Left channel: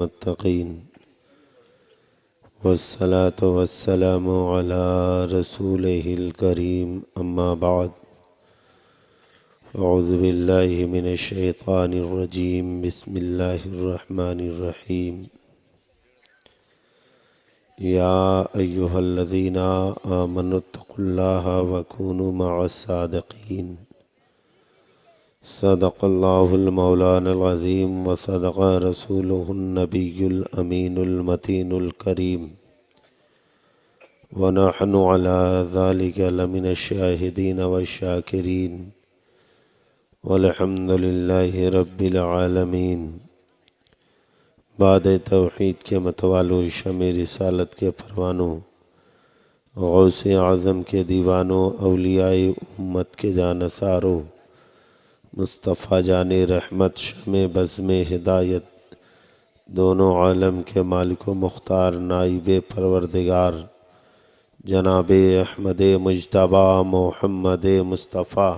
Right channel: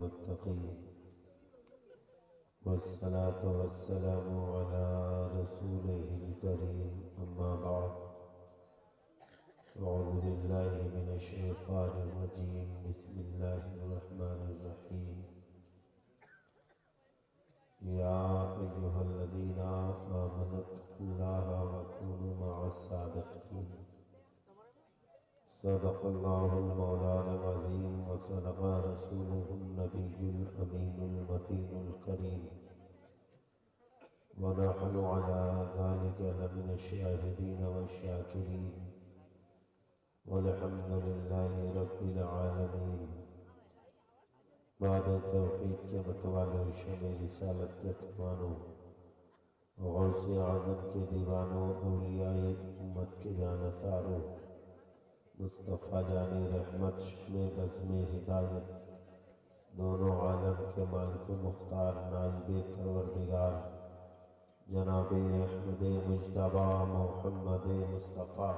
मुत्तकीन वस्सलातु वस्सलामु अला रसूलिहिल करीम अम्मा बाद अऊज़ु बिल्लाहि मिनश शैतानिर रजीम बिस्मिल्लाहिर रहमानिर रहीम या अय्युहल्लज़ीना आमनुत्तक़ुल्लाहा वकूनु मअस सादिक़ीन सदक़ल्लाहुल मौलानाल अज़ीम व सदक़ रसूलुहुन नबियुल अमीनुल मतीनुल करीम व नहनु अला ज़ालिका लमिनश शाहिदीन व शाकिरीन वल्हम्दुलिल्लाहि रब्बिल आलमीन। बाद तौहीद के मतवालो शमे रिसालत के परवानों, गौसे आज़म के दीवानों, औलियाए उम्मत के जानसारों, मुस्तफ़ा जाने रहमत शमे बज़्मे हिदायत, दोनों आलम के मालिक मुख्तार नाइबे परवरदिगार जनाबे अहमद मुज्तबा मोहम्मद मुस्तफ़ा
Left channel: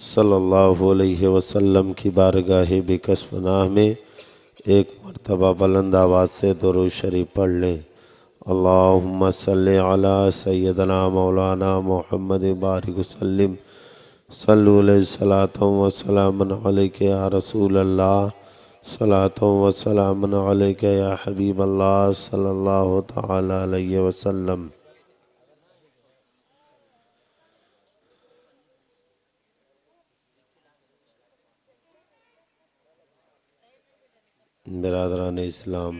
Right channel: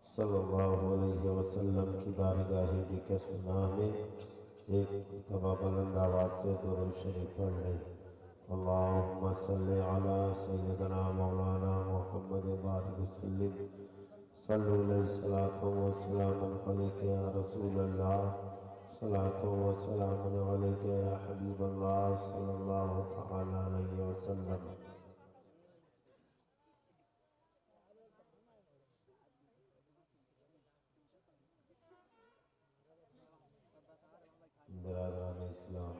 सल्लल्लाहु अलैहि वसल्लम की बारगाह बिकस पनाह में एक मरतबा बुलंद आवाज़ से दुरूद शरीफ पढ़ लें। अल्लाहुम्मा सल्लि अला सय्यदना मौलाना मोहम्मद बारिक वसल्लिम सल्लु अलैहि सलातु व सलामुन अलैका या रसूल अल्लाह सलातु व सलामुन अलैका या हबीब अल्लाह सल्लल्लाहु तआला अलैहि वसल्लम। बिरादरान इस्लाम,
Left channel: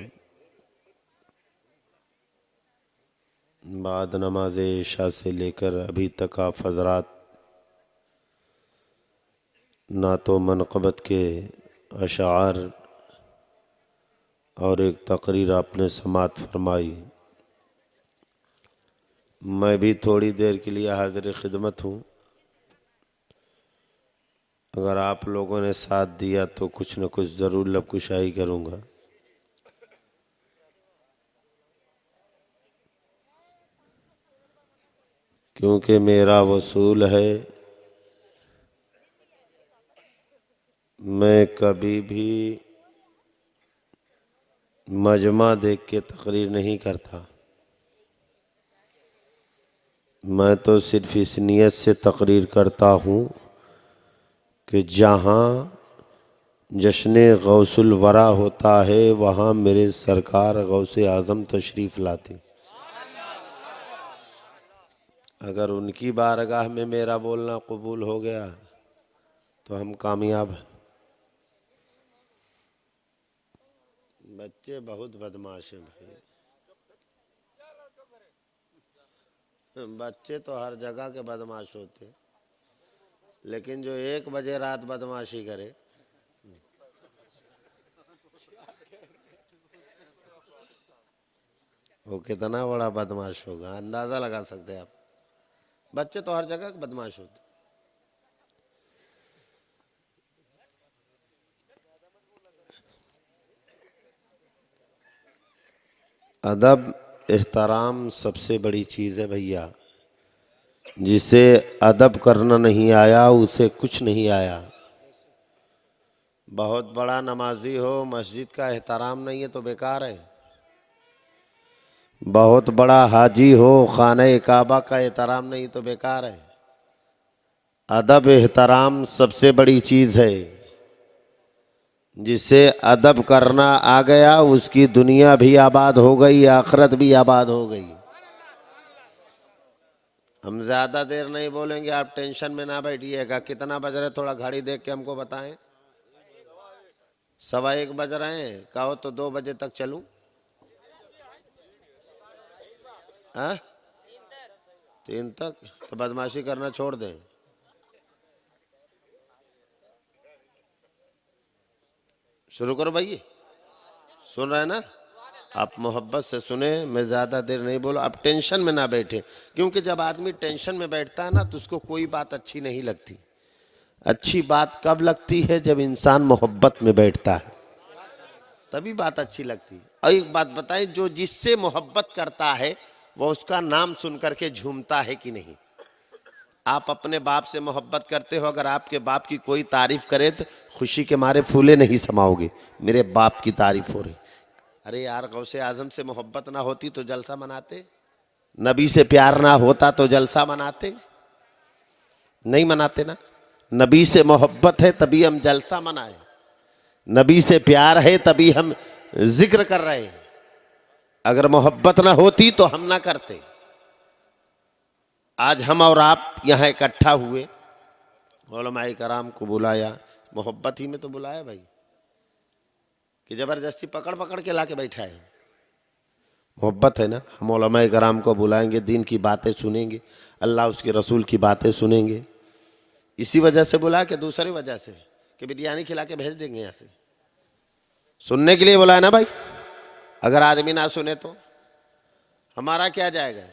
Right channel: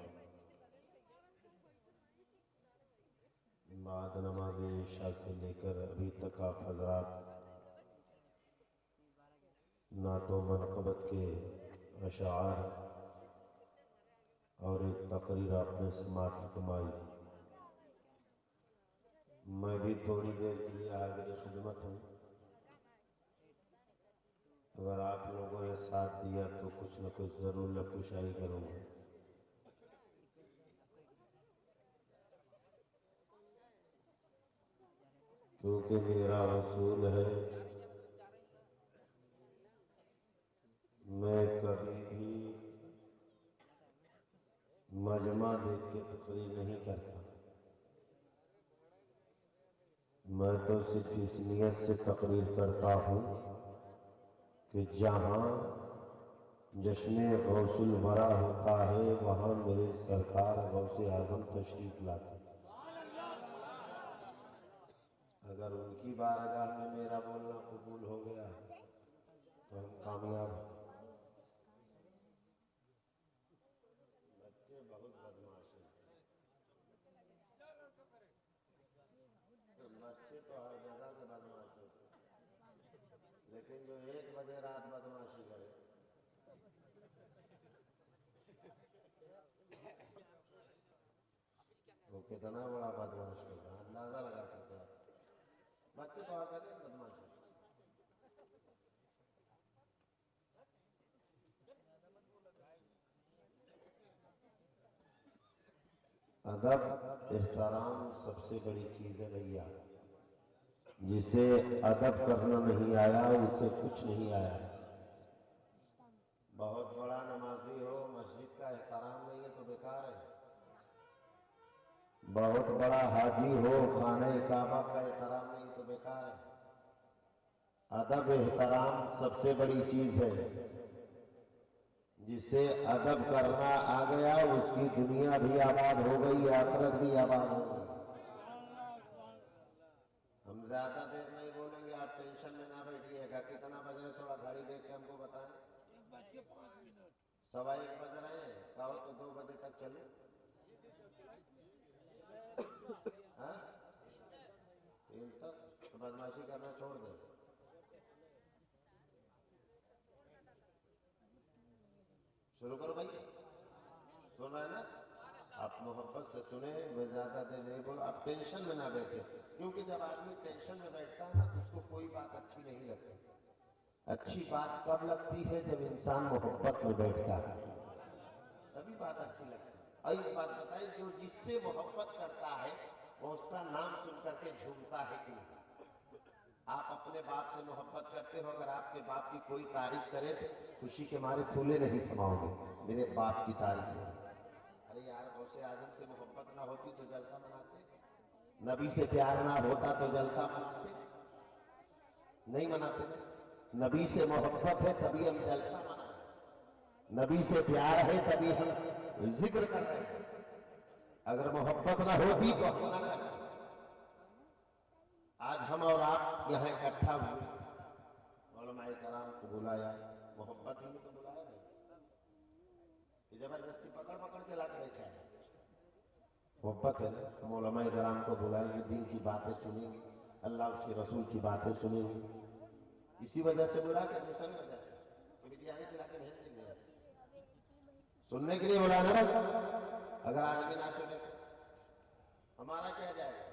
बाद नमाज इशा से लेकर अभी तक आप हज़रात ना तो मनक़बत के अशार और एक तकरीर आपने समात फरमाई। मैं भी थोड़ी देर के लिए हाज़िर खिदमत हूँ। अगर आप लोगों ने साथ दिया तो कुछ न कुछ ज़रूर लबकुशाई करूँगा। क्योंकि मेरा वसूल है, मैं कभी भी मजमा देख के तकरीर नहीं करता। मैं तो सिर्फ इस नियत से तकरीर करता हूँ कि जहाँ जश्न गौसुल वरा होता है वहाँ मेरे सरकार गौसे आज़म तशरीफ़ लाते। अगर उनकी बारगाह में मेरा बोलना कबूल हो गया तो हम कामयाब हैं। बच्चे बहुत बदमाश हैं भाई। बच्चे तो हर जगह के बदमाश होते हैं, लेकिन जो 1 बजे रात बदमाशी करे वो कितना बड़ा बदमाश होगा, अंदाज़ा लगा सकते हैं आप। बच्चे तो हर जगह के बदमाश होते हैं। अदब एहतराम सबसे बड़ी चीज़ है भैया। जिसे अदब करना नहीं आया उसे कुछ नहीं आया। बहुत बड़ा नमाजी हो, मस्जिद का एहतराम नहीं है तो बेकार है। बहुत बड़ा हाजी हो, खाने काबा का एहतराम नहीं तो बेकार है। अदब एहतराम सबसे बड़ी चीज़ है। जिसे अदब करना आ गया उसकी दुनिया भी आबाद हो गई, आखिरत भी आबाद हो गई। हम ज़्यादा देर नहीं बोलेंगे, आप टेंशन में ना बैठिएगा। कितना बज रहे थोड़ा घड़ी देख के हमको बताएं। 1:15 बज रहे हैं। कहो तो 2 बजे तक चलूं? हाँ 3 तक तो बदमाशी करना छोड़ दें। शुरू करो भाई। सुन रहे हैं ना? आप मोहब्बत से सुने, मैं ज़्यादा देर नहीं बोला। आप टेंशन में ना बैठे, क्योंकि जब आदमी टेंशन में बैठता है ना तो उसको कोई बात अच्छी नहीं लगती। अच्छी बात कब लगती है? जब इंसान मोहब्बत में बैठता है, तभी बात अच्छी लगती है। और एक बात बताएं, जो जिससे मोहब्बत करता है वो उसका नाम सुन करके झूमता है कि नहीं? आप अपने बाप से मोहब्बत करते हो, अगर आपके बाप की कोई तारीफ करे तो खुशी के मारे फूले नहीं समाओगे। मेरे बाप की तारीफ हो रही, अरे यार, गौसे आजम से मोहब्बत ना होती तो जलसा मनाते? नबी से प्यार ना होता तो जलसा मनाते? नहीं मनाते ना। नबी से मोहब्बत है तभी हम जलसा मनाए, नबी से प्यार है तभी हम जिक्र कर रहे हैं। अगर मोहब्बत ना होती तो हम ना करते। आज हम और आप यहाँ इकट्ठा हुए, उलमाए कराम को बुलाया, मोहब्बत ही में तो बुलाया भाई, कि जबरदस्ती पकड़ पकड़ के लाके बैठा है। मोहब्बत है ना। हम उलमाए कराम को बुलाएंगे, दीन की बातें सुनेंगे, अल्लाह उसके रसूल की बातें सुनेंगे। इसी वजह से बुला के, दूसरी वजह से कि बिरयानी खिला के भेज देंगे यहाँ से। सुनने के लिए बुलाया ना भाई। अगर आदमी ना सुने तो हमारा क्या जाएगा।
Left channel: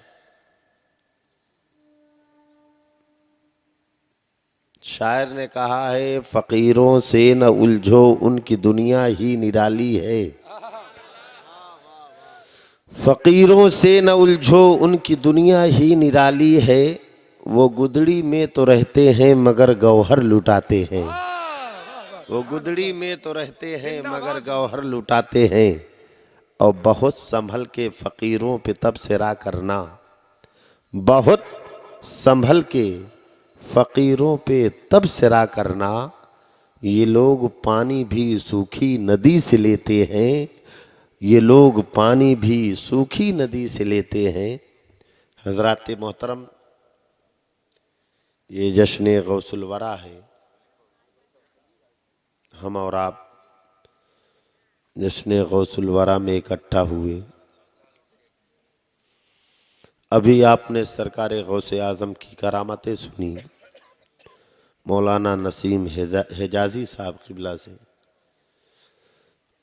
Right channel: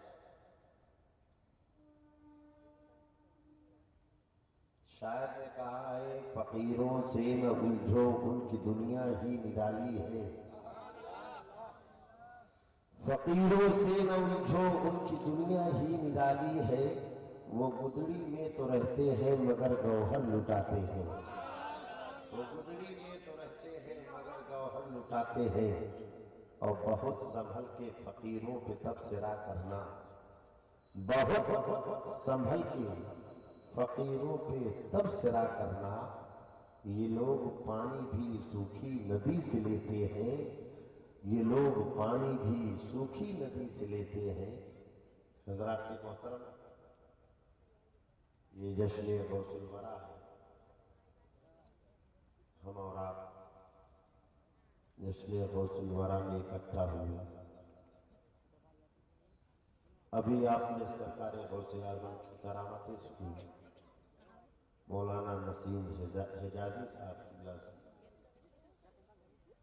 शायर ने कहा है, फकीरों से न उलझो उनकी दुनिया ही निराली है। फकीरों से न उलझो उनकी दुनिया ही निराली है। वो गुदड़ी में तो रहते हैं मगर गौहर लुटाते हैं। वो गुदड़ी में तो रहते हैं मगर गौहर लुटाते हैं। और बहुत संभल के फकीरों पे तब सिरा करना, बहुत संभल के फकीरों पे तब सिरा करना। ये लोग पानी भी सूखी नदी से लेते हैं, ये लोग पानी भी सूखी नदी से लेते हैं। हजरात मोहतरम, ये जश्न गौसुल वरा है। हम और आप जश्न गौसुल वरा में इकट्ठा हुए। अभी आपने सरकार गौसे आज़म की करामतें सुनी, मौलाना नसीम हिजाजी साहब क़िबला से।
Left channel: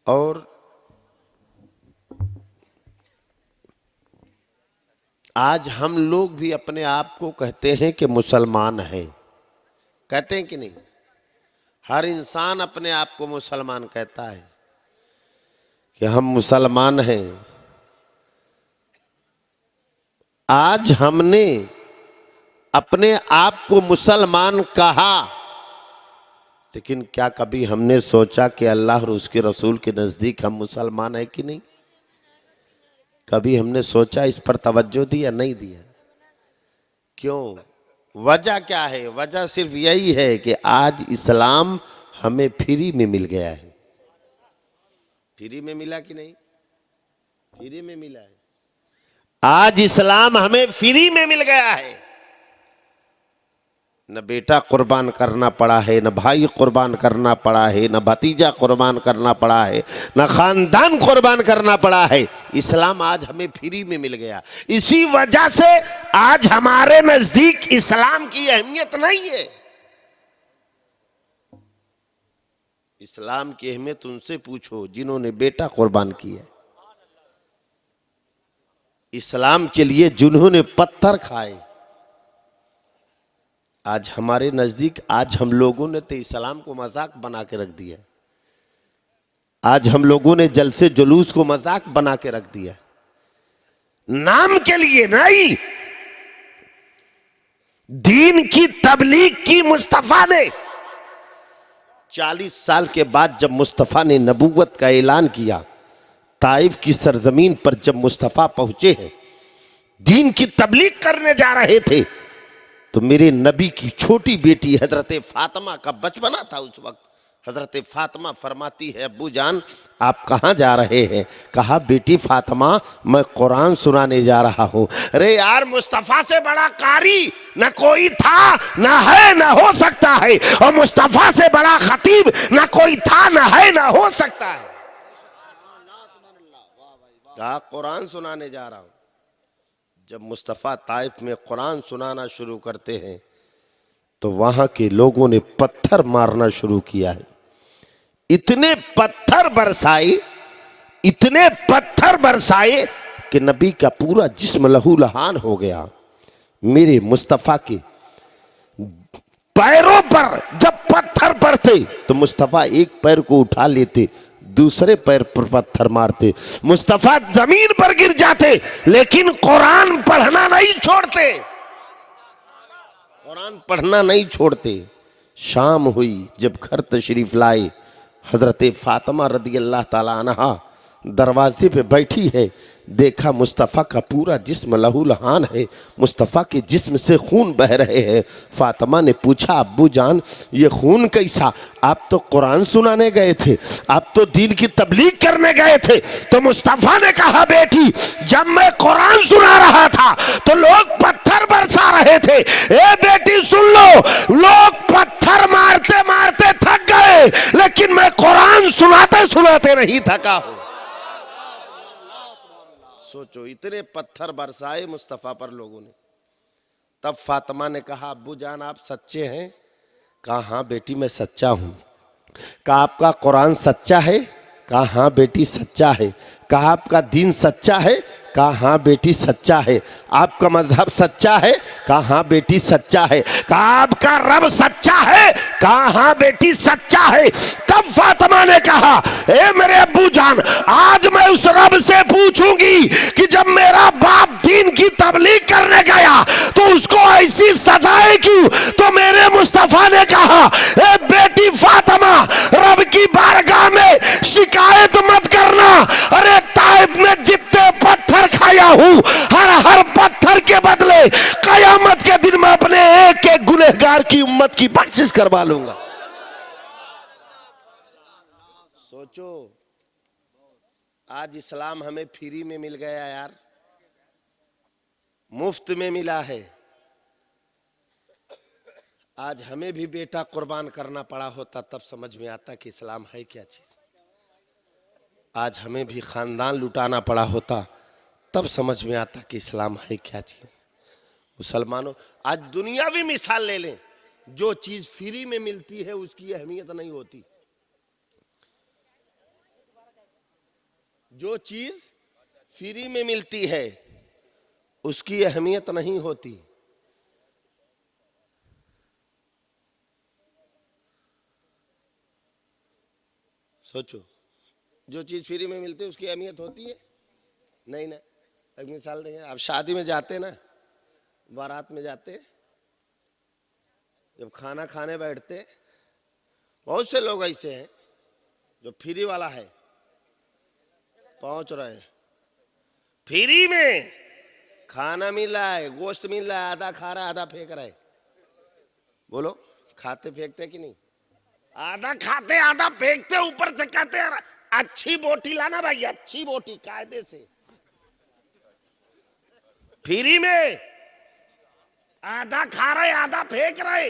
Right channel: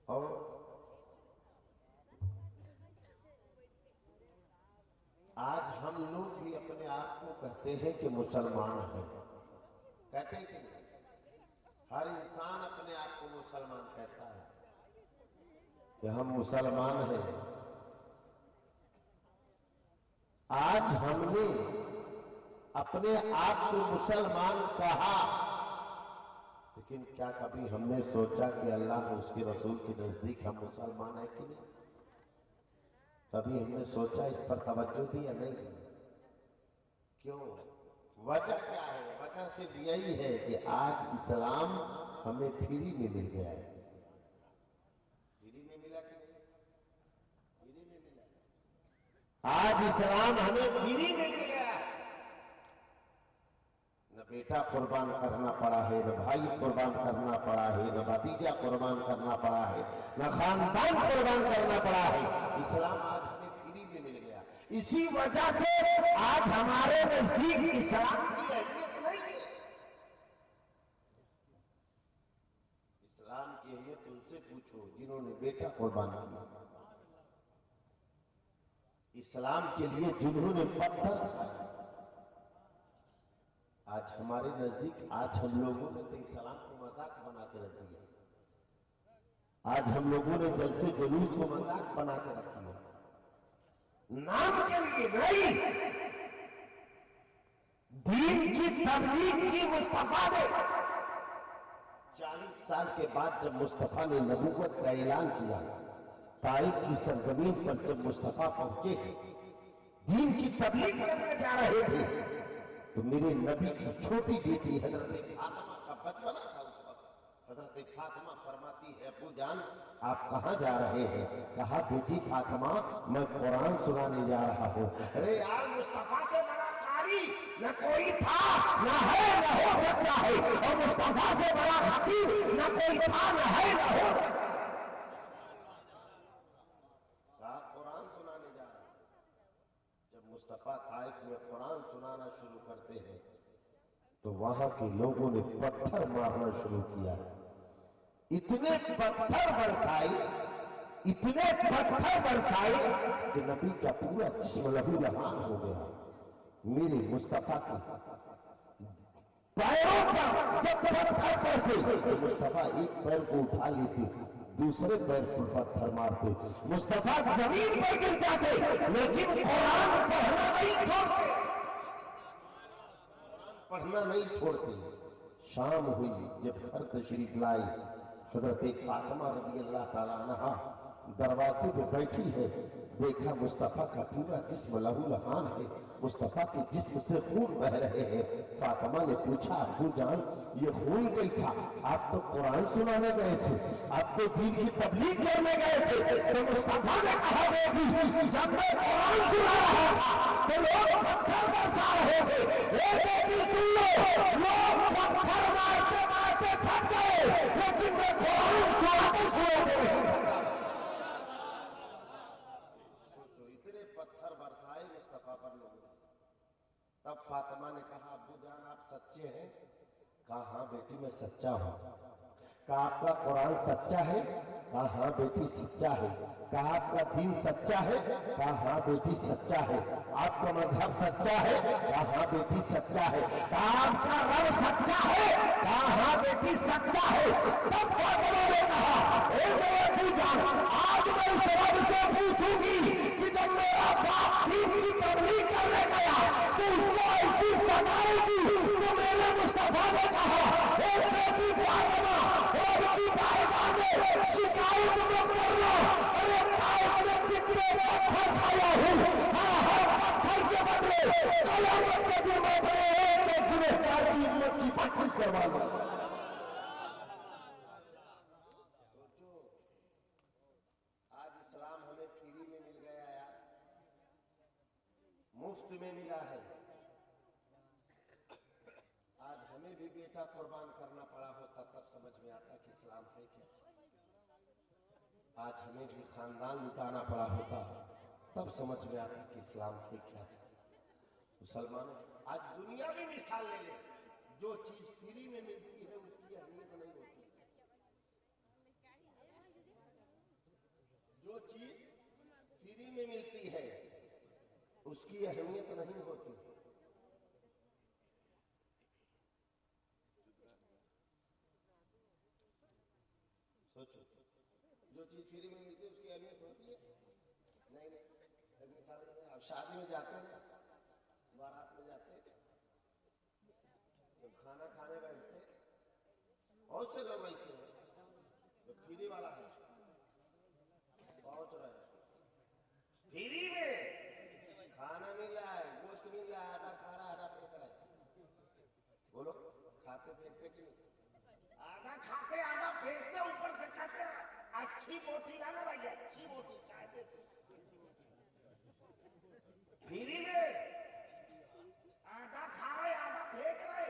और आज हम लोग भी अपने आप को कहते हैं कि मुसलमान हैं। कहते हैं कि नहीं? हर इंसान अपने आप को मुसलमान कहता है कि हम मुसलमान हैं। आज हमने अपने आप को मुसलमान कहा, लेकिन क्या कभी हमने सोचा कि अल्लाह और उसके रसूल के नज़दीक हम मुसलमान हैं कि नहीं? कभी हमने सोचा, इस पर तवज्जो दी या नहीं दिया? क्यों? वजह क्या है? वजह सिर्फ यही है कि आज इस्लाम हमें फ्री में मिल गया है। फ्री में मिला कि नहीं? फ्री में मिला है। आज इस्लाम हमें फ्री में मिल गया है। न बेटा कुर्बान करना पड़ा है, न भाई कुर्बान करना पड़ा है, न भतीजा कुर्बान करना पड़ा है, न खानदान कुर्बान करना पड़ा है। इस्लाम आज हमें फ्री में मिल गया। इसी वजह से आज हमारे नजदीक इस्लाम की अहमियत नहीं है। इस्लाम की अहमियत उनसे पूछो जिन्होंने बेटा कुर्बान किया, इस्लाम के लिए जिन्होंने पत्थर खाए। आज हमारे नजदीक, आज हम लोगों ने तो इस्लाम को मजाक बना के रख दिया। आज हम लोगों ने जलसे जुलूस को मजाक बना के रख दिया, नाम के लिए नहीं। दीन की तबलीग की मुस्तफा ने 40 साल के बाद जब मुस्तफा ने नबूवत का ऐलान किया, ताइफ की सरजमीन पर जब मुस्तफा पहुंचे हैं, दीन की तबलीग करने जा रहे थे, तो मेरे नबी की छोटी बेटी हजरत फातिमा का बचपना था उस वक्त। हजरत फातिमा फरमाती है, अब्बू जान आप कहाँ जा रहे हैं? कहा, बेटी फातिमा मैं कुरान सुनाने जा रहा हूँ। अरे यार, मुस्तफ़ा से बड़ा कारी न कोई था, न है, न हो सकता है। और मुस्तफ़ा से बड़ा खतीब न कोई था, न है, न हो सकता है। कहा कुरान सुनाने जा रहा हूँ। जब मुस्तफ़ा ताइफ में कुरान सुनाना शुरू करते हैं तो वहां के लोगों ने पत्थर मारना शुरू किया है। इतने पत्थर बरसाए, इतने पत्थर बरसाए कि नबी का पूरा जिस्म लहूलुहान हो गया। मेरे मुस्तफ़ा के पैरों पर जब पत्थर पड़ते तो मुस्तफ़ा एक पैर को उठा लेते, दूसरे पैर पर पत्थर मारते, मुस्तफा जमीन पर गिर जाते, लेकिन कुरान पढ़ना नहीं छोड़ते। कुरान पढ़ना नहीं छोड़ते। शाम हुई, जब घर तशरीफ लाए, हजरत फातिमा रदी अल्लाह ताला अन्हा दरवाजे पे बैठी है, देखा मुस्तफ़ा का पूरा जिस्म लहूलुहान है, मुस्तफ़ा के जिस्म से खून बह रहे हैं। फातिमा ने पूछा, अब्बू जान ये खून कैसा? आप तो कुरान सुनाने गए थे, आप तो दीन की तबलीग करने गए थे। तो मुस्तफ़ा ने कहा, बेटी जब मैं कुरान सुना रहा था तो लोग पत्थर बरसा रहे थे। ए बेटी सुन लो, लोग पत्थर मारते मारते थक गए, लेकिन मैं कुरान सुनाते सुनाते नहीं थका हूं। सोचो, इतने पत्थर बरसाए मुस्तफ़ा पर लोगों ने। तब फातिमा ने कहा, अब्बू जान आप सच्चे हैं? कहा हाँ बेटी मैं सच्चा हूं। कहा आपका कुरान सच्चा है? कहा हाँ बेटी सच्चा है। कहा आपका दीन सच्चा है? कहा हाँ बेटी सच्चा है। आपका मजहब सच्चा है? कहा हाँ बेटी सच्चा है। कहा आपका रब सच्चा है? कहा हाँ बेटी सच्चा है। तब फातिमा ने कहा, ए मेरे अब्बू जान, आज मैं उस रब से पूछूंगी कि जब मेरा बाप दीन की तबलीग करने गया तो उसको ऐसी सजाएं क्यों? तो मेरे मुस्तफा ने कहा, ए बेटी फातिमा, रब की बारगाह में शिकायत मत करना। अरे ताइब में जितने पत्थर खाया हूं, हर पत्थर के बदले कयामत के दिन में अपने एक एक गुनहगार की उम्मत की बख्शिश करवा लूंगा। सोचो, आज इस्लाम हमें फ्री में मिल गया यार, मुफ्त में मिला है। आज हमें भी बेटा कुर्बान करना पड़ा होता तब समझ में आता कि इस्लाम है क्या चीज। आज हमें भी खानदान लुटाना पड़ा होता तब समझ में आता कि इस्लाम है क्या चीज। मुसलमानों, आज दुनियावी मिसाल ले लें, जो चीज फ्री में मिलती है उसकी अहमियत नहीं होती। जो चीज फ्री में मिलती है उसकी अहमियत नहीं होती। सोचो, जो चीज फ्री में मिलती है उसकी अहमियत होती है? नहीं ना। एक मिसाल देंगे, आप शादी में जाते ना, बारात में जाते, जब खाना खाने बैठते, बहुत से लोग ऐसे हैं जो फ्री वाला है, पहुंच रहे फ्री में खाना मिल रहा है, गोश्त मिल रहा है, आधा खा रहा है आधा फेंक रहा है। बोलो, खाते फेंकते कि नहीं? आधा खाते आधा फेंकते, ऊपर से कहते हैं अच्छी बोटी लाना भाई, अच्छी बोटी कायदे से। फ्री में आधा खा रहे आधा फेंक रहे।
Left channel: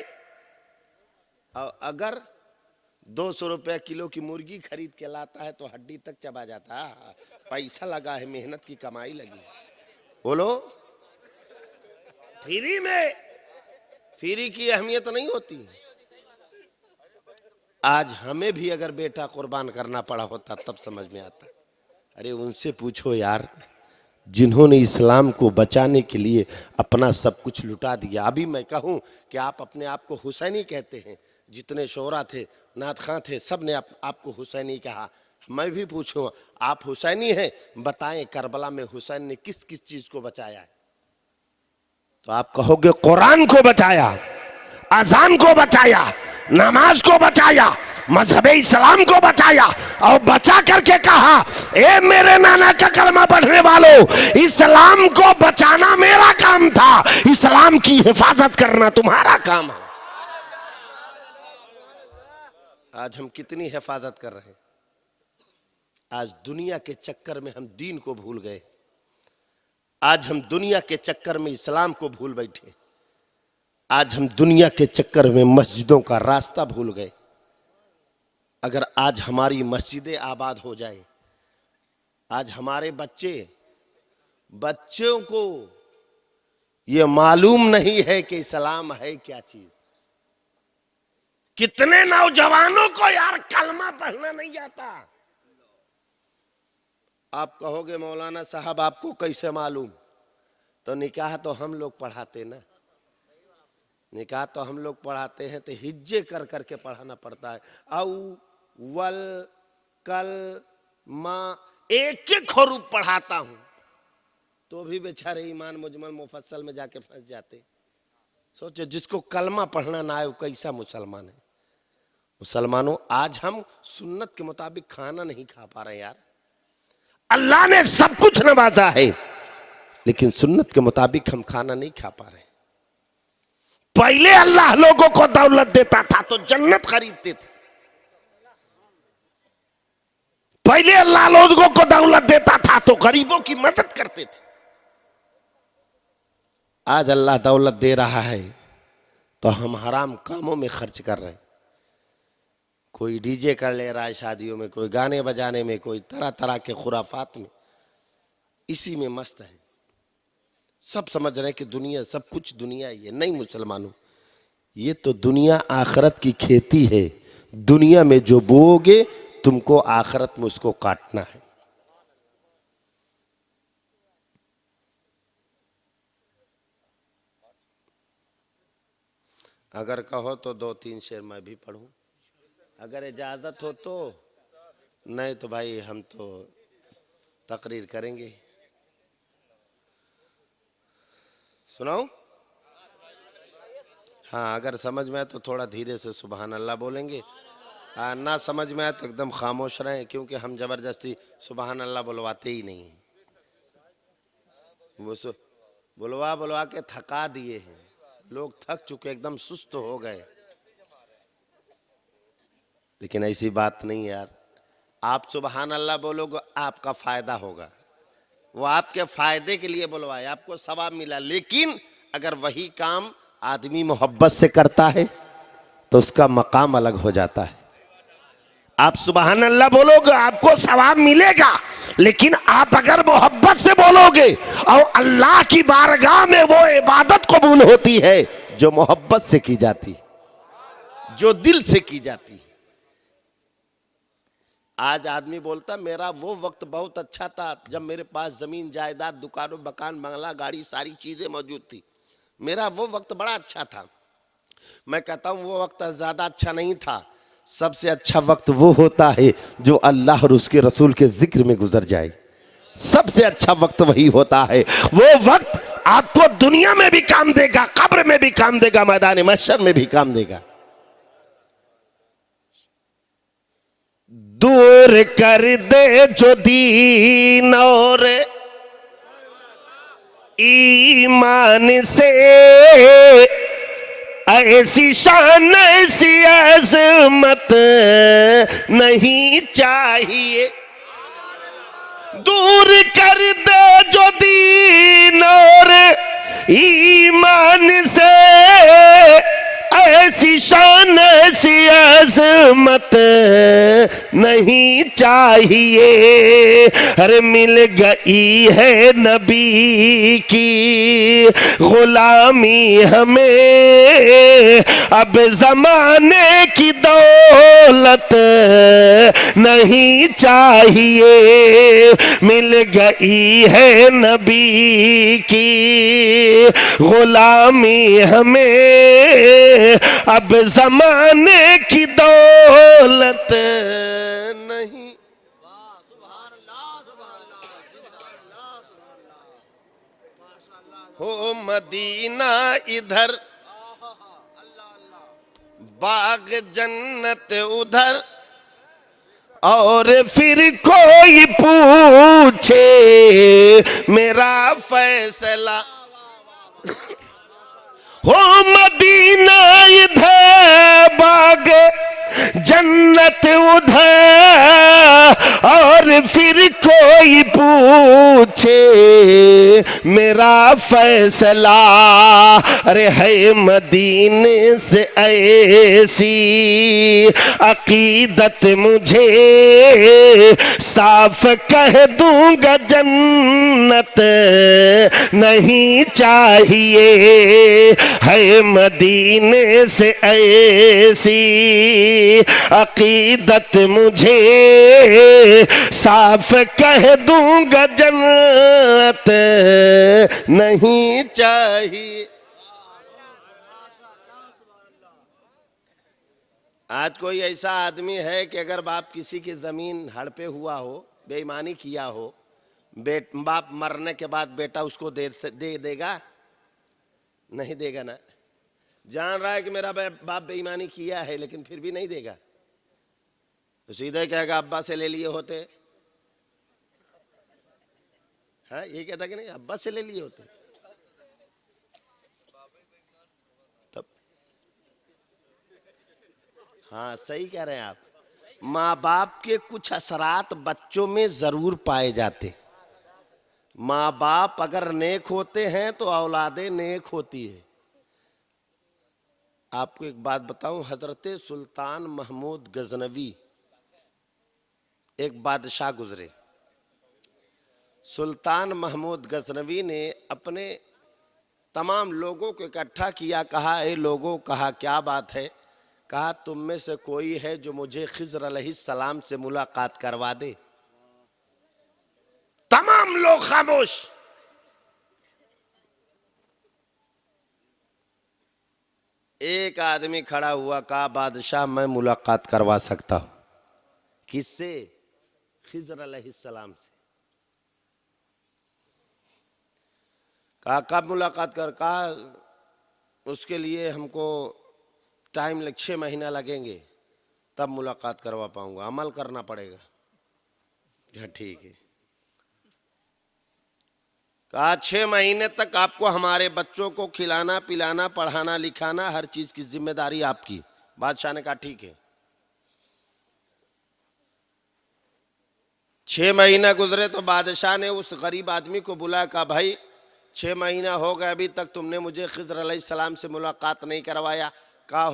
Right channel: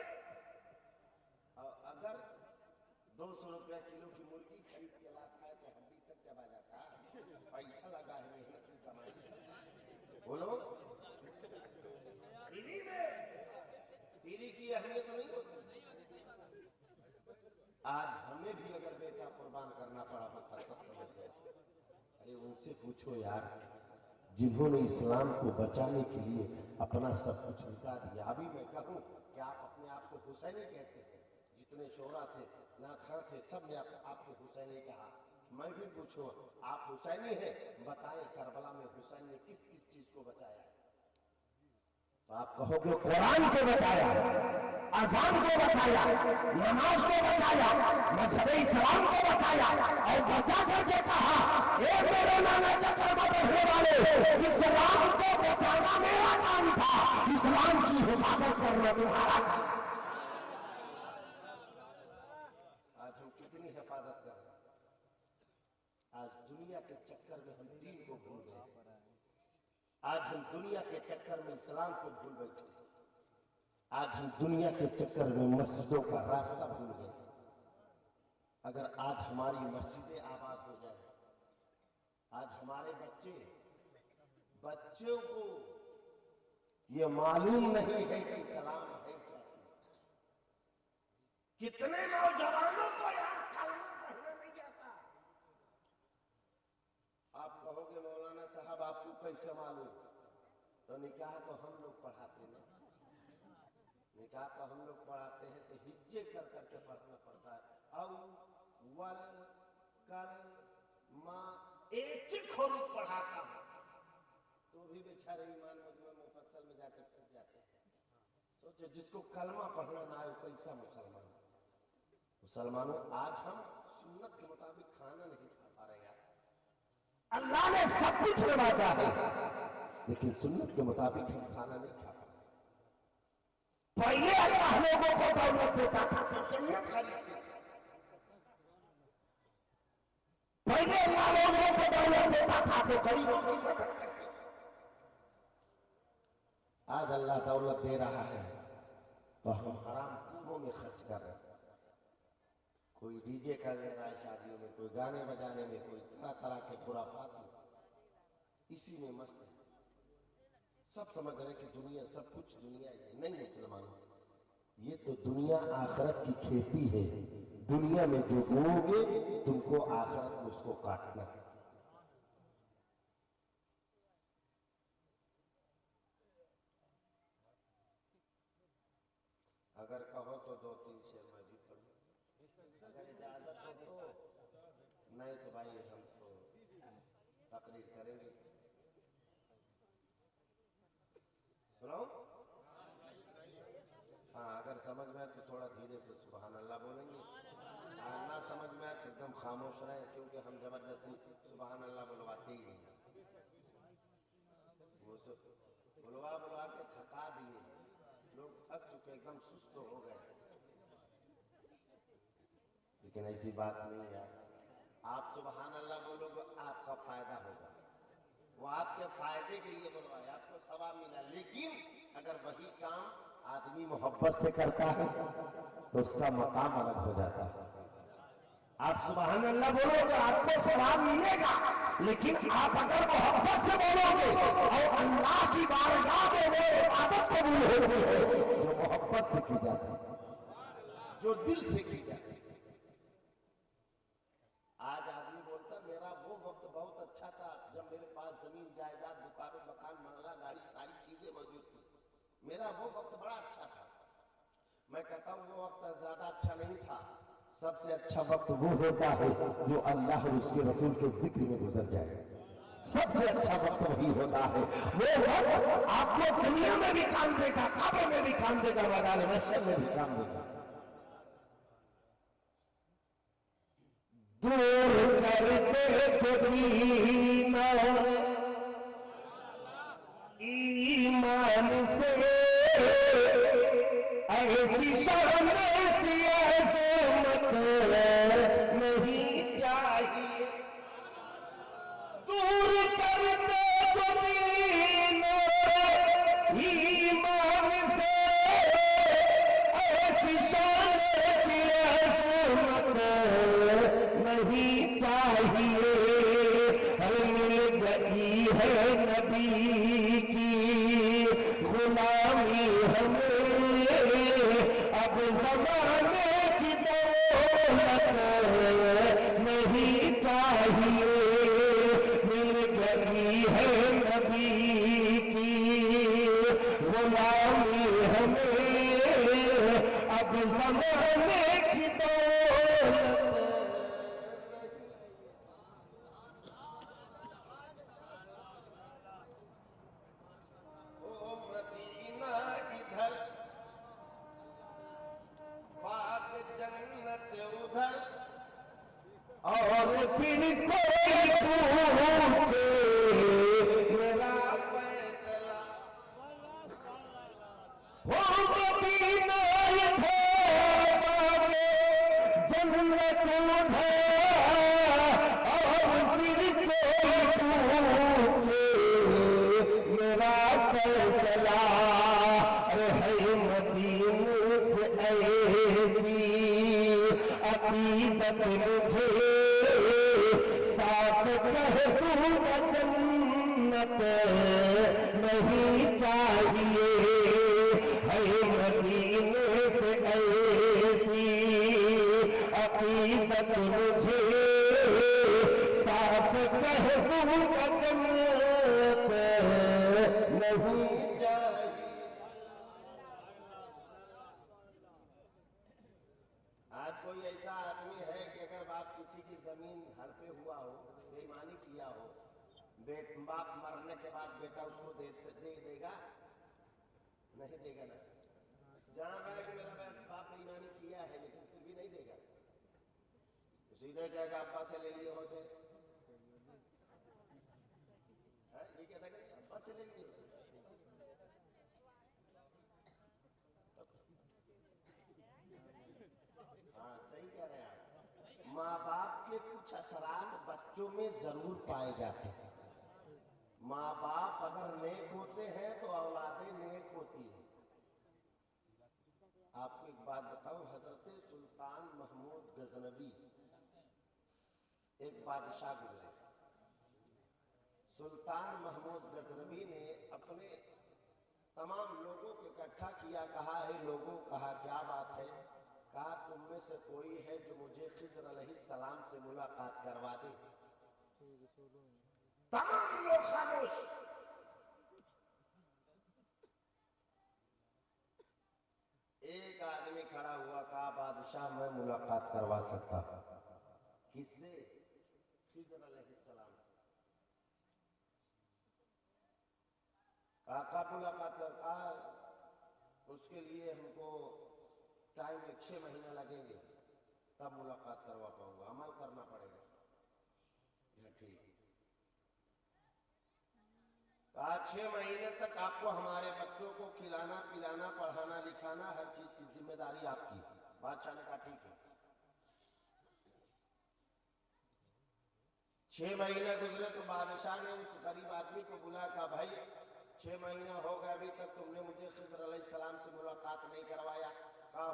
अगर 200 रुपया किलो की मुर्गी खरीद के लाता है तो हड्डी तक चबा जाता है। पैसा लगा है, मेहनत की कमाई लगी। बोलो, फ्री में, फ्री की अहमियत नहीं होती। आज हमें भी अगर बेटा कुर्बान करना पड़ा होता तब समझ में आता। अरे उनसे पूछो यार, जिन्होंने इस्लाम को बचाने के लिए अपना सब कुछ लुटा दिया। अभी मैं कहूं कि आप अपने आप को हुसैनी कहते हैं, जितने शोरा थे, नात खां थे, सब ने आपको हुसैनी कहा। मैं भी पूछूं, आप हुसैनी हैं? बताएं करबला में हुसैन ने किस किस चीज को बचाया है? तो आप कहोगे कुरान को बचाया, अजान को बचाया, नमाज को बचाया, मजहब इस्लाम को बचाया, और बचा करके कहा, ए मेरे नाना का कलमा पढ़ने वालों, इस्लाम को बचाना मेरा काम था, इस्लाम की हिफाजत करना तुम्हारा काम है। आज हम कितनी हिफाजत कर रहे हैं। आज दुनिया के चक्कर में हम दीन को भूल गए। आज हम दुनिया के चक्कर में इस्लाम को भूल बैठे। आज हम दुनिया के चक्कर में मस्जिदों का रास्ता भूल गए। अगर आज हमारी मस्जिदें आबाद हो जाए, आज हमारे बच्चों को ये मालूम नहीं है कि इस्लाम है क्या चीज। कितने नौजवानों को यार कलमा पढ़ना नहीं आता। आप कहोगे मौलाना साहब आपको कैसे मालूम? तो निकाह तो हम लोग पढ़ाते ना, निकाह तो हम लोग पढ़ाते हैं, तो हिज्जे कर करके पढ़ाना पड़ता है। अव्वल कल माँ एक एक हरूफ पढ़ाता हूं तो भी बेचारे ईमान मुजमल मुफस्सल में जाके फंस जाते। सोचो, जिसको कलमा पढ़ना ना आए वो कैसा मुसलमान है। मुसलमानों, आज हम सुन्नत के मुताबिक खाना नहीं खा पा रहे यार। अल्लाह ने सब कुछ नवाजा है, लेकिन सुन्नत के मुताबिक हम खाना नहीं खा पा रहे। पहले अल्लाह लोगों को दौलत देता था तो जन्नत खरीदते थे। पहले अल्लाह लोगों को दौलत देता था तो गरीबों की मदद करते थे। आज अल्लाह दौलत दे रहा है तो हम हराम कामों में खर्च कर रहे हैं। कोई डीजे कर ले रहा है शादियों में, कोई गाने बजाने में, कोई तरह तरह के खुराफात में, इसी में मस्त है। सब समझ रहे हैं कि दुनिया सब कुछ दुनिया ही है। नहीं मुसलमानों, ये तो दुनिया आखरत की खेती है। दुनिया में जो बोओगे तुमको आखरत में उसको काटना है। अगर कहो तो 2-3 शेर मैं भी पढ़ूं, अगर इजाजत हो तो। नहीं तो भाई हम तो तकरीर करेंगे। सुनाओ? हाँ, अगर समझ में आए तो थोड़ा धीरे से सुबहान अल्लाह बोलेंगे। ना समझ में आए तो एकदम खामोश रहें, क्योंकि हम जबरदस्ती सुबहान अल्लाह बुलवाते ही नहीं। वो बुलवा बुलवा के थका दिए हैं। लोग थक चुके, एकदम सुस्त हो गए। लेकिन ऐसी बात नहीं यार, आप सुबहान अल्लाह बोलोगे आपका फायदा होगा। वो आपके फायदे के लिए बुलवाए, आपको सवाब मिला। लेकिन अगर वही काम आदमी मोहब्बत से करता है तो उसका मकाम अलग हो जाता है। आप सुबहान अल्लाह बोलोगे आपको सवाब मिलेगा, लेकिन आप अगर मोहब्बत से बोलोगे और अल्लाह की बारगाह में वो इबादत कबूल होती है जो मोहब्बत से की जाती, जो दिल से की जाती। आज आदमी बोलता मेरा वो वक्त बहुत अच्छा था जब मेरे पास जमीन जायदाद, दुकानों, मकान, बंगला, गाड़ी, सारी चीजें मौजूद थी। मेरा वो वक्त बड़ा अच्छा था। मैं कहता हूं वो वक्त ज्यादा अच्छा नहीं था। सबसे अच्छा वक्त वो होता है जो अल्लाह और उसके रसूल के जिक्र में गुजर जाए। सबसे अच्छा वक्त वही होता है। वो वक्त आपको दुनिया में भी काम देगा, कब्र में भी काम देगा, मैदान महशर में भी काम देगा। दूर कर दे जो दीन और ईमान से, ऐसी शान ऐसी अज़मत नहीं चाहिए। दूर कर दे जो दीन और ईमान से, ऐसी शान ऐसी अज़मत नहीं चाहिए। अरे मिल गई है नबी की गुलामी हमें, अब जमाने की दौलत नहीं चाहिए। मिल गई है नबी की गुलामी हमें, अब जमाने की दौलत नहीं। हो मदीना इधर, बाग जन्नत उधर, और फिर कोई पूछे मेरा फैसला। हो मदीना इधर, बाग जन्नत उधर, और फिर कोई पूछे मेरा फैसला। अरे है मदीने से ऐसी अकीदत मुझे, साफ कह दूंगा जन्नत नहीं चाहिए। है मदीने से ऐसी अकीदत मुझे, साफ कह दूंगा जन्नत नहीं चाहिए। आज कोई ऐसा आदमी है कि अगर बाप किसी की जमीन हड़पे हुआ हो, बेईमानी किया हो, बाप मरने के बाद बेटा उसको दे देगा? नहीं देगा ना। जान रहा है कि मेरा बाप बेईमानी किया है, लेकिन फिर भी नहीं देगा। तो सीधे कहेगा अब्बा से ले लिए होते। है, ये कहता कि नहीं अब्बा से ले लिए होते तब। हाँ सही कह रहे हैं आप। माँ बाप के कुछ असरात बच्चों में जरूर पाए जाते। माँ बाप अगर नेक होते हैं तो औलादे नेक होती है। आपको एक बात बताऊं, हजरत सुल्तान महमूद गजनवी एक बादशाह गुजरे। सुल्तान महमूद गजनवी ने अपने तमाम लोगों को इकट्ठा किया, कहा ए लोगों, कहा क्या बात है? कहा तुम में से कोई है जो मुझे खिज़र अलैहिस्सलाम से मुलाकात करवा दे? तमाम लोग खामोश। एक आदमी खड़ा हुआ, कहा बादशाह मैं मुलाकात करवा सकता हूं। किससे? खिज़र अलैहिस्सलाम से। कहा कब मुलाकात कर? कहा उसके लिए हमको टाइम 6 महीना लगेंगे, तब मुलाकात करवा पाऊंगा, अमल करना पड़ेगा। ठीक है। कहा 6 महीने तक आपको हमारे बच्चों को खिलाना पिलाना पढ़ाना लिखाना हर चीज की जिम्मेदारी आपकी। बादशाह ने कहा ठीक है। 6 महीना गुजरे तो बादशाह ने उस गरीब आदमी को बुलाया, कहा भाई 6 महीना हो गए, अभी तक तुमने मुझे खिज़र अलैहिस्सलाम से मुलाकात नहीं करवाया। कहा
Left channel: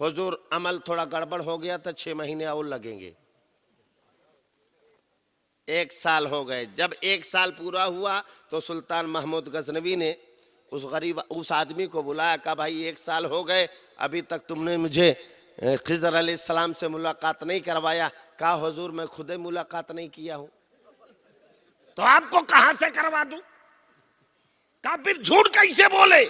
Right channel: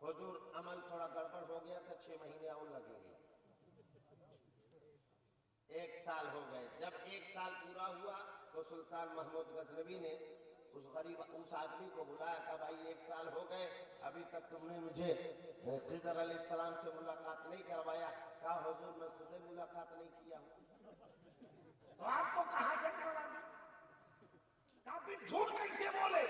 हुजूर अमल थोड़ा गड़बड़ हो गया था, 6 महीने और लगेंगे। 1 साल हो गए। जब 1 साल पूरा हुआ तो सुल्तान महमूद गजनवी ने उस आदमी को बुलाया, कहा भाई 1 साल हो गए, अभी तक तुमने मुझे खिज़र अलैहिस्सलाम से मुलाकात नहीं करवाया। कहा हुजूर मैं खुद ही मुलाकात नहीं किया हूं, तो आपको कहां से करवा दूं? कहा फिर झूठ कैसे बोले?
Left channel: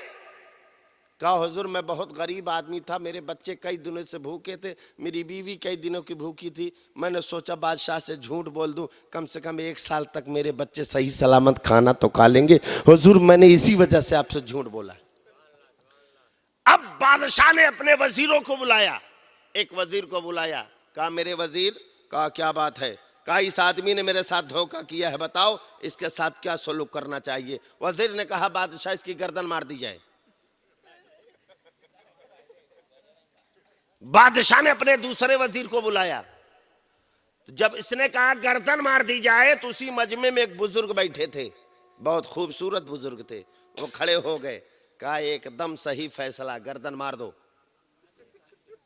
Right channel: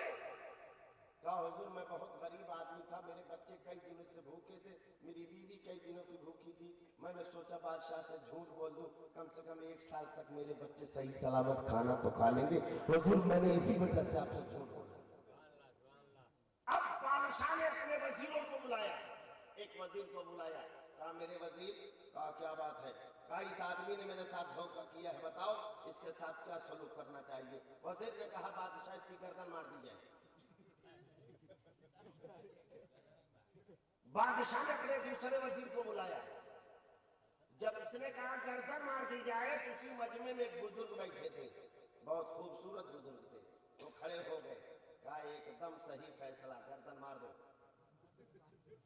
कहा हुजूर मैं बहुत गरीब आदमी था, मेरे बच्चे कई दिनों से भूखे थे, मेरी बीवी कई दिनों की भूखी थी, मैंने सोचा बादशाह से झूठ बोल दूं, कम से कम 1 साल तक मेरे बच्चे सही सलामत खाना तो खा लेंगे। हुजूर मैंने इसी वजह से आपसे झूठ बोला। अब बादशाह ने अपने वजीरों को बुलाया, एक वजीर को बुलाया, कहा मेरे वजीर, कहा क्या बात है? कहा इस आदमी ने मेरे साथ धोखा किया है, बताओ इसके साथ क्या सलूक करना चाहिए? वजीर ने कहा बादशाह इसकी गर्दन मार दी जाए। बादशाह ने अपने दूसरे वजीर को बुलाया, तो जब इसने कहा गर्दन मार दी जाए तो उसी मजमे में एक बुजुर्ग बैठे थे, बहुत खूबसूरत बुजुर्ग थे, वो खड़े हो गए, कहा एकदम सही फैसला, गर्दन मार दो,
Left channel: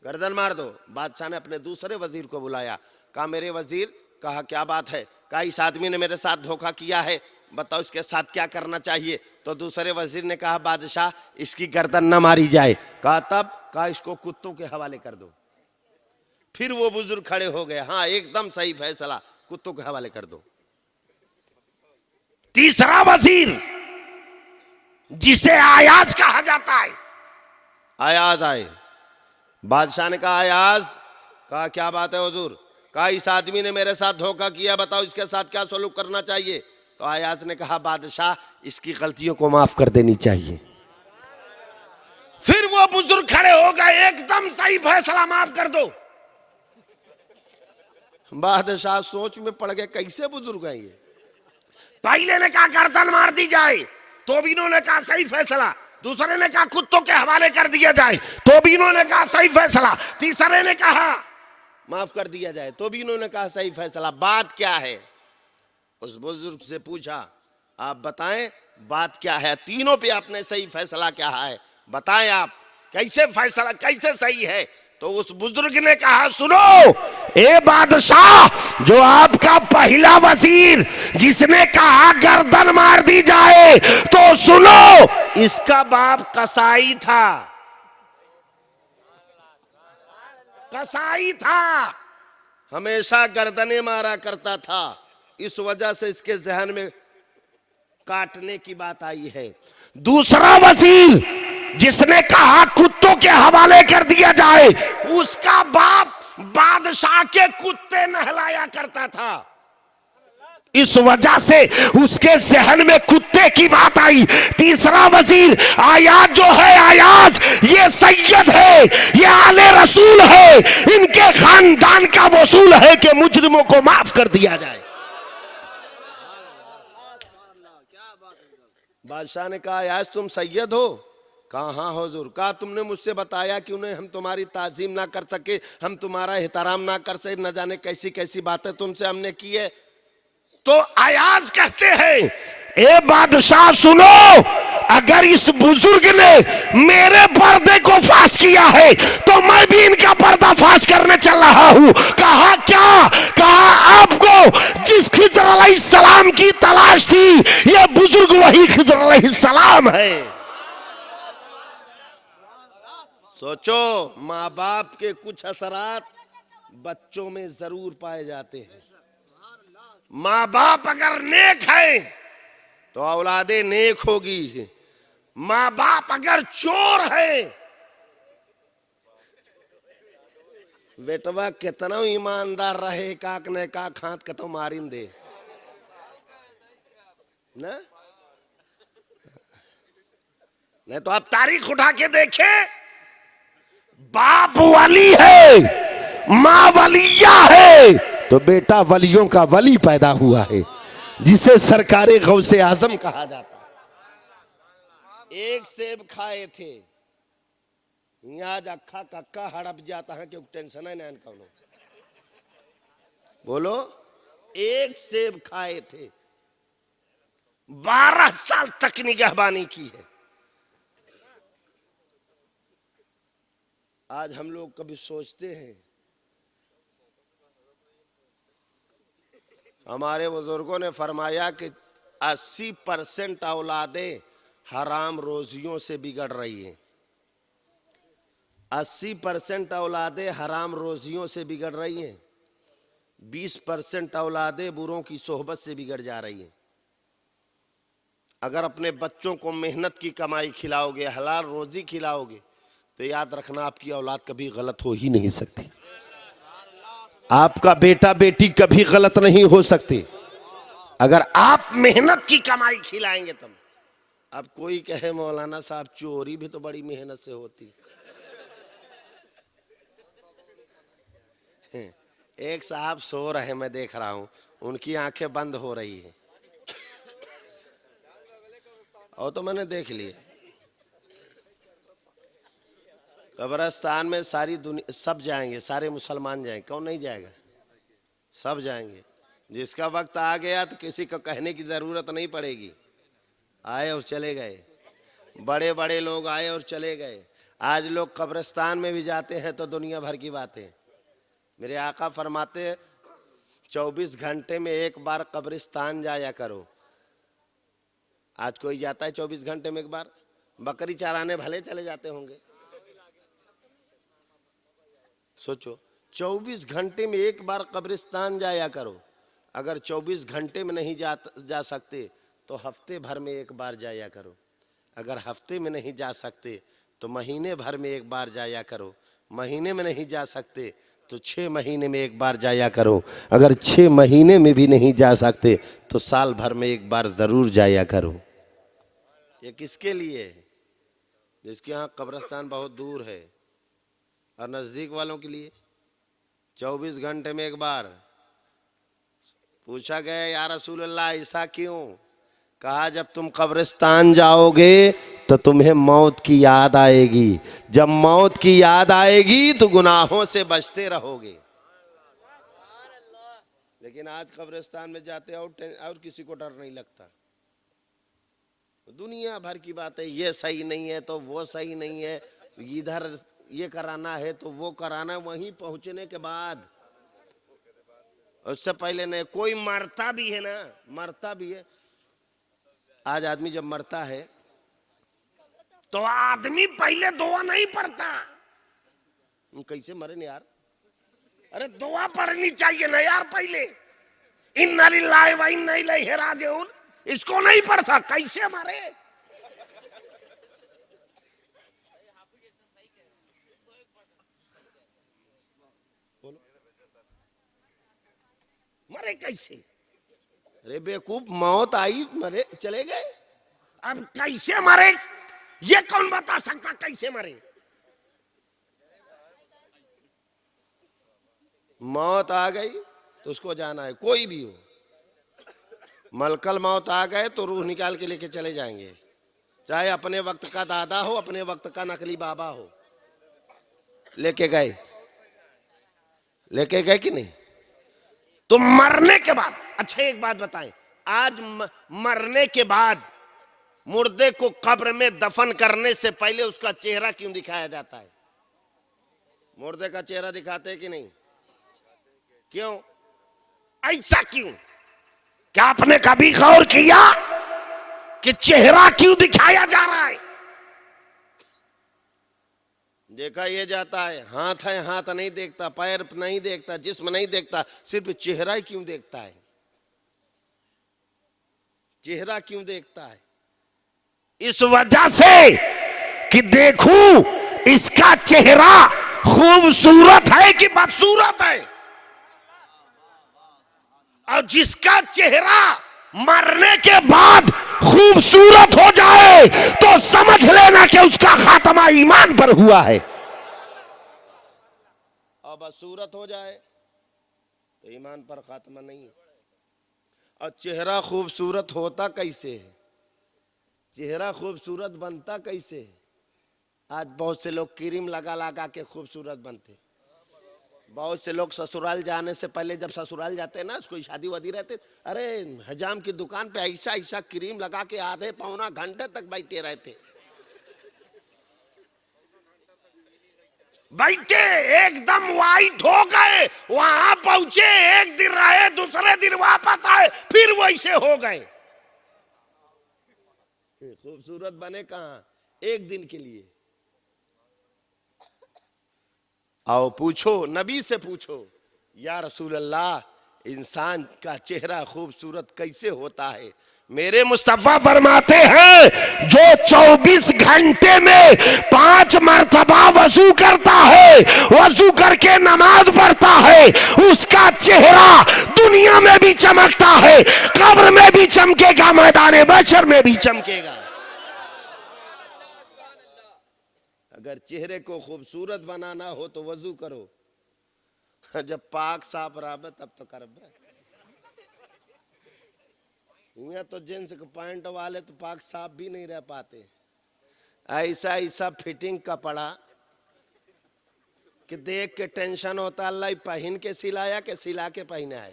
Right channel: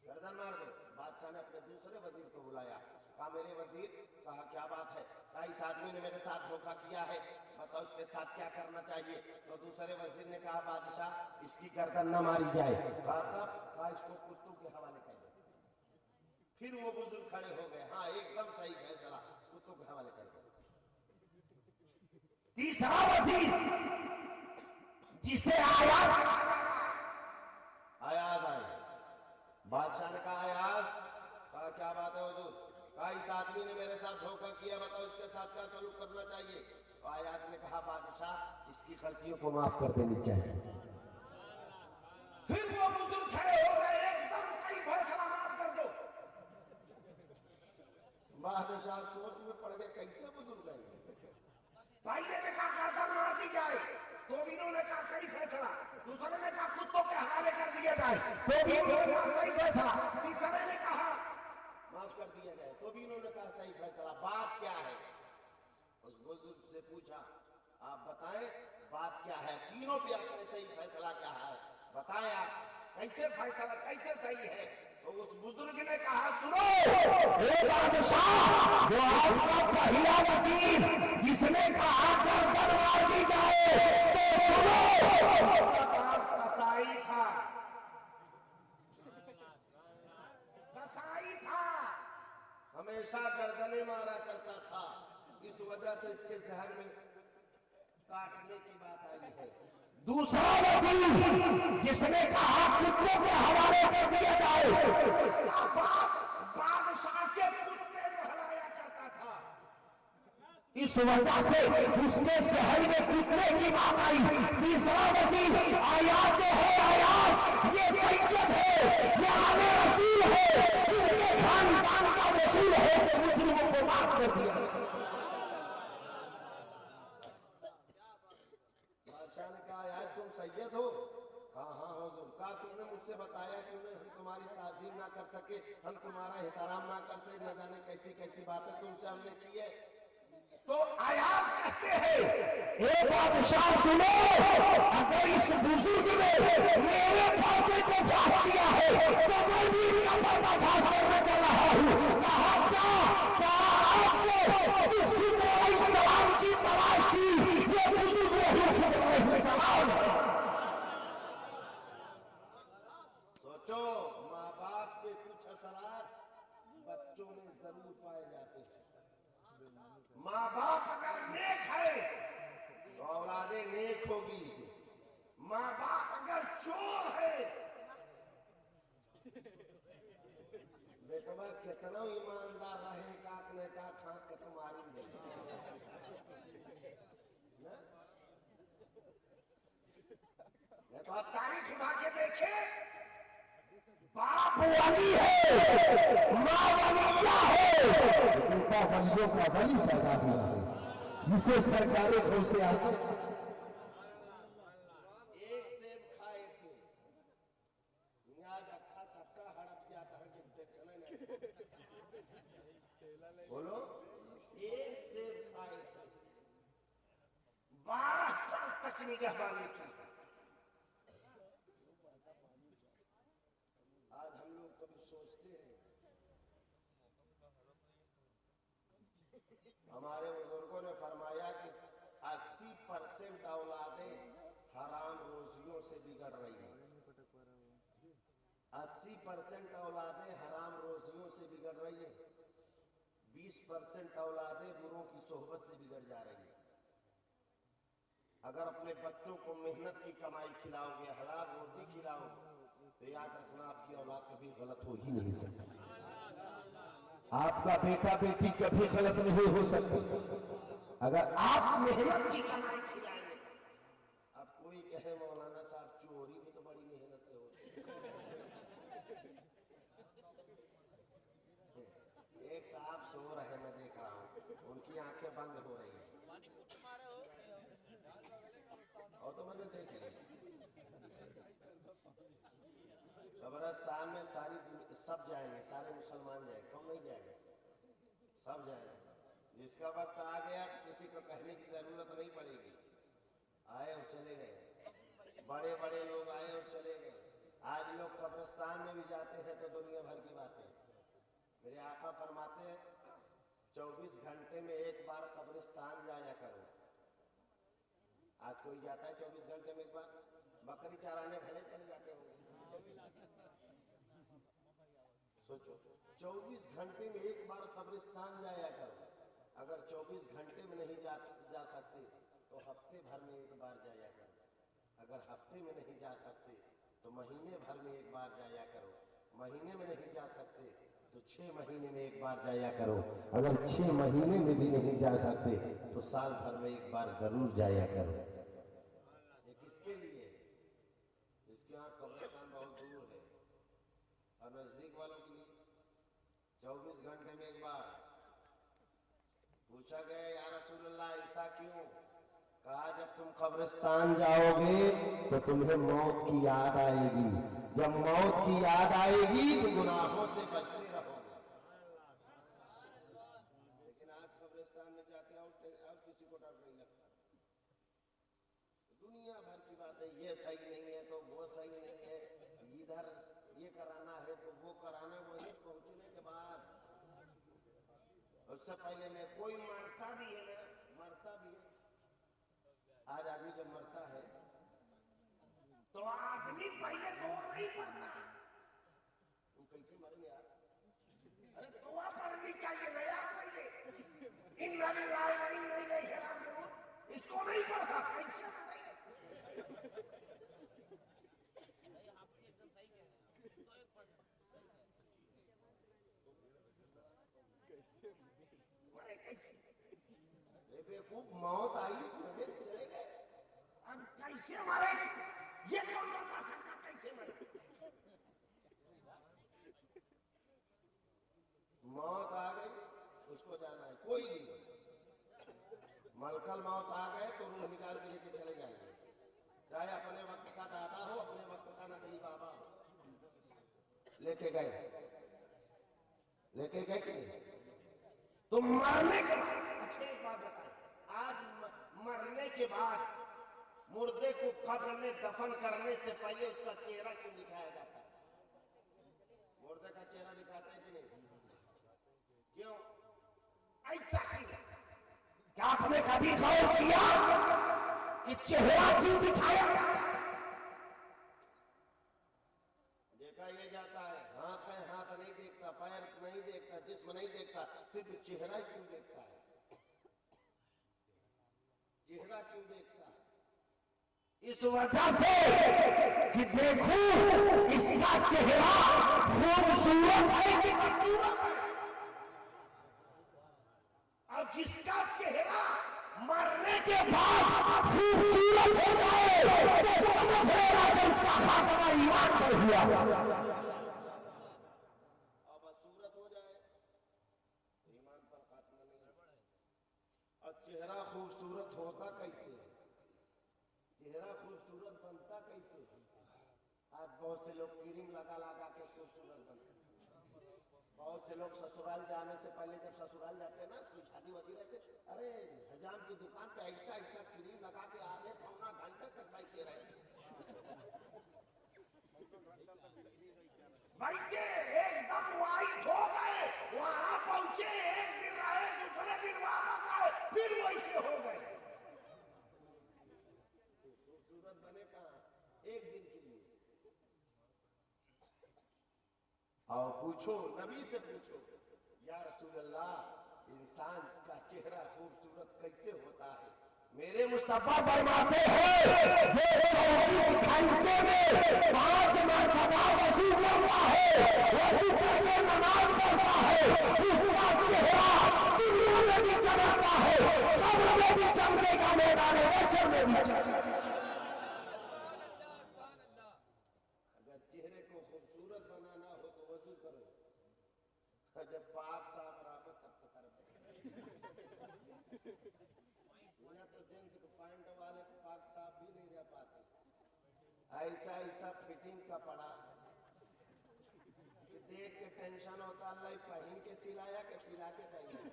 गर्दन मार दो। बादशाह ने अपने दूसरे वजीर को बुलाया, कहा मेरे वजीर, कहा क्या बात है? कहा इस आदमी ने मेरे साथ धोखा किया है, बताओ इसके साथ क्या करना चाहिए? तो दूसरे वजीर ने कहा बादशाह इसकी गर्दन न मारी जाए। कहा तब? कहा इसको कुत्तों के हवाले कर दो। फिर वो बुजुर्ग खड़े हो गए, हाँ एकदम सही फैसला, कुत्तों के हवाले कर दो। तीसरा वजीर जिसे आयाज कहा जाता है, आयाज आए। बादशाह ने कहा आयाज, कहा क्या बात है हुजूर? कहा इस आदमी ने मेरे साथ धोखा किया, बताओ इसके साथ क्या सलूक करना चाहिए? तो आयाज ने कहा बादशाह इसकी गलतियों को माफ कर देनी चाहिए। फिर वो बुजुर्ग खड़े हो गए, एकदम सही फैसला, माफ कर दो। बादशाह सोच में पड़ गए, कैसे बुजुर्ग हैं ये? पहले ने कहा गर्दन मार दी जाए, तो भी इन्होंने कहा सही फैसला। दूसरे ने कहा कुत्तों के हवाले कर दिया जाए, तो भी इन्होंने कहा सही फैसला। तीसरे ने कहा माफ कर दिया जाए, तो भी इन्होंने कहा सही फैसला। बात क्या है? उस बुजुर्ग से पूछा आप बताएं बात क्या है? तीनों पे आपने सही फैसला क्या है, बताएं आप कैसे फैसला, कैसे सही है? तो उस बुजुर्ग ने कहा सुनो ए बादशाह, जो आपका पहला वजीर जिसने कहा गर्दन मार दी जाए, तो सुनो इसका बाप कसाई था, कसाई था, हमेशा गर्दनें मारा करता था, इस वजह से इसके जहन में काटने की बात आई है। दूसरा वजीर जिसने कहा कुत्तों के हवाले कर दिया जाए, उसका बाप बादशाह के कुत्ते नहलाया करता था, इस वजह से उसके जहन में कुत्ते की बात आई। तीसरा वजीर आयाज जो है, आयाज ये सैयद है, ये आले रसूल है, इनके खानदान का वसूल है कि मुजरिमों को माफ कर दिया जाए। बादशाह ने कहा आज तुम सैयद हो? कहा हाँ हुजूर। कहा तुमने मुझसे बताया कि उन्हें हम तुम्हारी ताजीम ना कर सके, हम तुम्हारा एहतराम ना कर सके, न जाने कैसी कैसी बातें तुमसे हमने की है। तो अयाज कहते हैं ए बादशाह सुनो, अगर इस बुजुर्ग ने मेरे पर्दे को फाश किया है तो मैं भी इनका पर्दा फाश करने चल रहा हूं। कहा क्या? कहा आपको जिस खिज़र अलैहिस्सलाम की तलाश थी ये बुजुर्ग वही खिज़र अलैहिस्सलाम है। सोचो, माँ बाप के कुछ असरात बच्चों में जरूर पाए जाते हैं। माँ बाप अगर नेक है तो औलादे नेक होगी। माँ बाप अगर चोर है, बेटवा कितना ईमानदार रहे काक ने का खात के तो मारिन दे ना। नहीं तो आप तारीख उठा के देखे, बाप वली है, माँ वलिया है, तो बेटा वलियों का वली पैदा हुआ है, जिसे सरकारे गौसे आजम कहा जाता है। एक सेब खाए थे, आज अक्खा कक्का हड़प जाता है क्योंकि टेंशन है ना। बोलो, एक सेब खाए थे, 12 साल तक निगहबानी की है। आज हम लोग कभी सोचते हैं, हमारे बुजुर्गों ने फरमाया कि 80% औलादें हराम रोजियों से बिगड़ रही हैं। 80% औलादें हराम रोजियों से बिगड़ रही हैं। 20% औलादें बुरों की सोहबत से बिगड़ जा रही हैं। अगर अपने बच्चों को मेहनत की कमाई खिलाओगे, हलाल रोजी खिलाओगे, तो याद रखना आपकी औलाद कभी गलत हो ही नहीं सकती। आपका बेटा बेटी कभी गलत नहीं हो सकते अगर आप मेहनत की कमाई खिलाएंगे तब। अब कोई कहे मौलाना साहब चोरी भी तो बड़ी मेहनत से होती है। एक साहब सो रहे, मैं देख रहा हूं, उनकी आंखें बंद हो रही हैं, और तो मैंने देख लिया। कब्रिस्तान में सारी दुनिया सब जाएंगे, सारे मुसलमान जाएंगे, कौन नहीं जाएगा? सब जाएंगे। जिसका वक्त आ गया तो किसी को कहने की जरूरत नहीं पड़ेगी। आए और चले गए, बड़े बड़े लोग आए और चले गए। आज लोग कब्रिस्तान में भी जाते हैं तो दुनिया भर की बातें। मेरे आका फरमाते 24 घंटे में एक बार कब्रिस्तान जाया करो। आज कोई जाता है 24 घंटे में एक बार? बकरी चराने भले चले जाते होंगे। सोचो, 24 घंटे में एक बार कब्रिस्तान जाया करो। अगर 24 घंटे में नहीं जा सकते तो हफ्ते भर में एक बार जाया करो। अगर हफ्ते में नहीं जा सकते तो महीने भर में एक बार जाया करो। महीने में नहीं जा सकते तो 6 महीने में एक बार जाया करो। अगर 6 महीने में भी नहीं जा सकते तो साल भर में एक बार जरूर जाया करो। ये किसके लिए? जिसके यहाँ कब्रिस्तान बहुत दूर है। और नजदीक वालों के लिए 24 घंटे में एक बार। पूछा गया या रसूल अल्लाह ऐसा क्यों? कहा जब तुम कब्रिस्तान जाओगे तो तुम्हें मौत की याद आएगी। जब मौत की याद आएगी तो गुनाहों से बचते रहोगे। लेकिन आज कब्रिस्तान में जाते और किसी को डर नहीं लगता। दुनिया भर की बातें, ये सही नहीं है तो वो सही नहीं है, इधर ये कराना है तो वो कराना है। वहीं पहुंचने के बाद, उससे पहले नहीं। कोई मरता भी है ना, मरता भी है। आज आदमी जब मरता है तो आदमी पहले दुआ नहीं पढ़ता। कैसे मरे ना यार? अरे दुआ पढ़नी चाहिए ना यार पहले। इन्ना लिल्लाहि व इन्ना इलैहि राजिऊन, इसको नहीं पढ़ता कैसे मरे? मरे कैसे? अरे बेवकूफ, मौत आई मरे चले गए। अब कैसे मरे ये कौन बता सकता? कैसे मरे? मौत आ गई तो उसको जाना है, कोई भी हो। मलकल मौत आ गए तो रूह निकाल के लेके चले जाएंगे, चाहे अपने वक्त का दादा हो, अपने वक्त का नकली बाबा हो। लेके गए, लेके गए कि नहीं? तो मरने के बाद, अच्छा एक बात बताएं, आज मरने के बाद मुर्दे को कब्र में दफन करने से पहले उसका चेहरा क्यों दिखाया जाता है? मुर्दे का चेहरा दिखाते हैं कि नहीं? क्यों? ऐसा क्यों? क्या आपने कभी गौर किया कि चेहरा क्यों दिखाया जा रहा है? देखा ये जाता है, हाथ है, हाथ नहीं देखता, पैर नहीं देखता, जिस्म नहीं देखता, सिर्फ चेहरा ही क्यों देखता है? चेहरा क्यों देखता है? इस वजह से कि देखूं इसका चेहरा खूबसूरत है कि बदसूरत है। और जिसका चेहरा मरने के बाद खूबसूरत हो जाए तो समझ लेना कि उसका खात्मा ईमान पर हुआ है, और बदसूरत हो जाए तो ईमान पर खात्मा नहीं है। और चेहरा खूबसूरत होता कैसे है? चेहरा खूबसूरत बनता कैसे है? आज बहुत से लोग क्रीम लगा लगा के खूबसूरत बनते। बहुत से लोग ससुराल जाने से पहले, जब ससुराल जाते हैं ना, कोई शादी वादी रहते, अरे हजाम की दुकान पे ऐसा ऐसा क्रीम लगा के आधे पौना घंटे तक बैठे रहते, बैठे एकदम वाइट हो गए। वहां पहुंचे, एक दिन रहे, दूसरे दिन वापस आए, फिर वैसे हो गए। खूबसूरत बने कहां? एक दिन के लिए। आओ पूछो, नबी से पूछो, या रसूल अल्लाह इंसान का चेहरा खूबसूरत कैसे होता है? मेरे मुस्तफा फरमाते हैं जो 24 घंटे में 5 मरतबा वजू करता है, वजू करके नमाज पढ़ता है, उसका चेहरा दुनिया में भी चमकता है, कब्र में भी चमकेगा, मैदान महशर में भी चमकेगा। अगर चेहरे को खूबसूरत बनाना हो तो वजू करो, जब पाक साफ रहा तब तो कर। तो जींस के पैंट वाले तो पाक साफ भी नहीं रह पाते। ऐसा ऐसा फिटिंग कपड़ा कि देख के टेंशन होता, अल्लाह पहन के सिलाया के सिला के पहना है।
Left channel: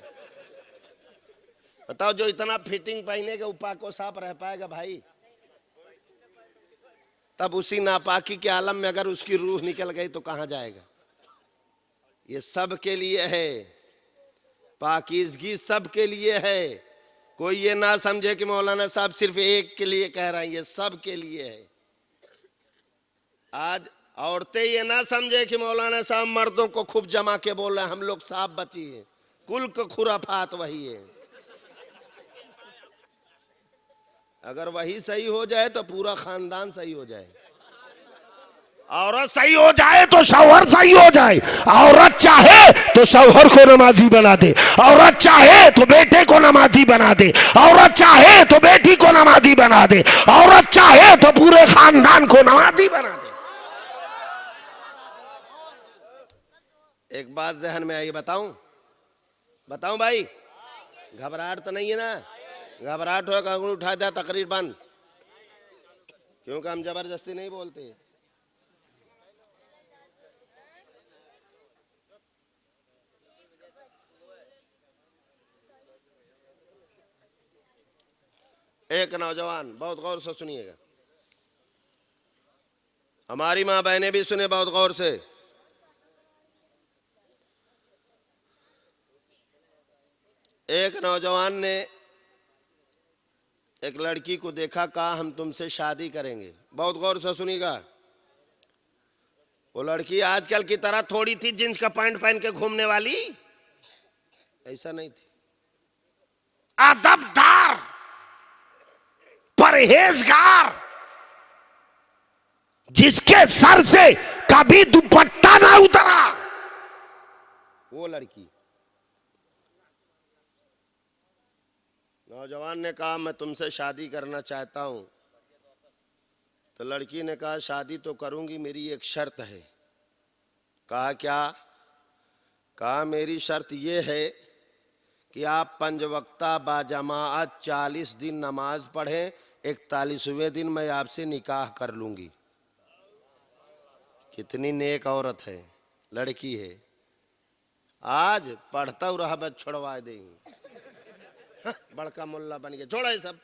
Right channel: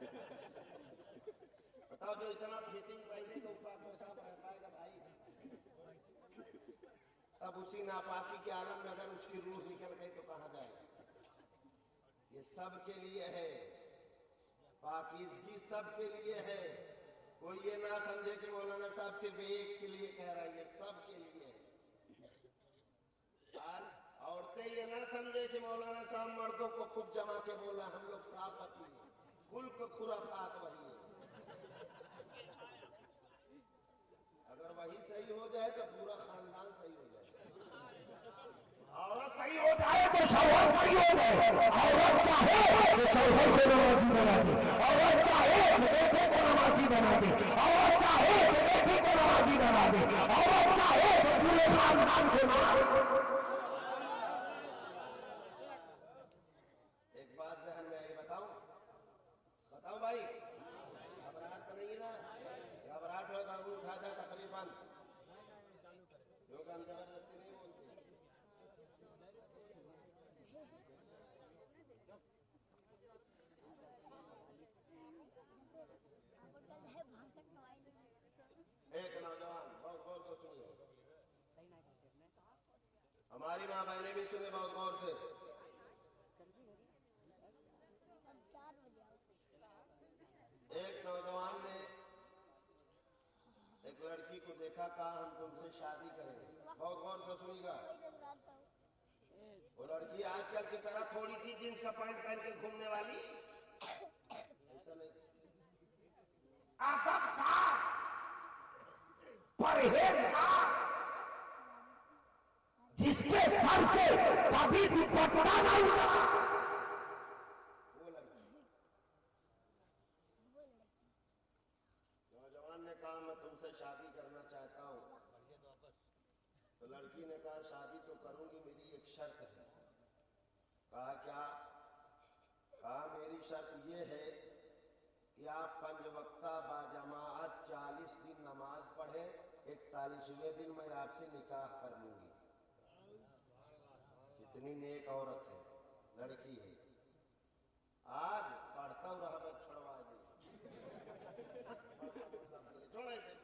बताओ, जो इतना फिटिंग पहनेगा वो पाक को साफ रह पाएगा भाई? तब उसी नापाकी के आलम में अगर उसकी रूह निकल गई तो कहां जाएगा? ये सब के लिए है, पाकीज़गी सब के लिए है। कोई ये ना समझे कि मौलाना साहब सिर्फ एक के लिए कह रहे हैं, ये सब के लिए है। आज औरतें ये ना समझे कि मौलाना साहब मर्दों को खूब जमा के बोल रहे हैं, हम लोग साफ बची है। कुल का खुराफात वही है। अगर वही सही हो जाए तो पूरा खानदान सही हो जाए। औरत सही हो जाए तो शौहर सही हो जाए। औरत चाहे तो शौहर को नमाजी बना दे, औरत चाहे तो बेटे को नमाजी बना दे, औरत चाहे तो बेटी को नमाजी बना दे, औरत चाहे तो पूरे खानदान को नमाजी बना दे। एक बात जहन में आई, बताऊं? बताऊं भाई? घबराहट तो नहीं है ना? घबराहट हो, अंगूठी उठा दिया, तकरीर बंद। क्योंकि हम जबरदस्ती नहीं बोलते। एक नौजवान, बहुत गौर से सुनिएगा, हमारी माँ बहनें भी सुने बहुत गौर से। एक नौजवान ने एक लड़की को देखा, कहा हम तुमसे शादी करेंगे। बहुत गौर से सुनिएगा। वो लड़की आजकल की तरह थोड़ी थी जींस का पैंट पहन के घूमने वाली, ऐसा नहीं थी। अदबदार, परहेजगार, जिसके सर से कभी दुपट्टा ना उतरा, वो लड़की। नौजवान ने कहा मैं तुमसे शादी करना चाहता हूं। तो लड़की ने कहा शादी तो करूंगी, मेरी एक शर्त है। कहा क्या? कहा मेरी शर्त यह है कि आप 5 वक्ता बाजमाअत 40 दिन नमाज पढ़ें, 41वें दिन मैं आपसे निकाह कर लूंगी। कितनी नेक औरत है, लड़की है। आज पढ़ता रहा बस छोड़वा देंगे। हाँ, बड़का मुल्ला बन गया, छोड़ा है सब।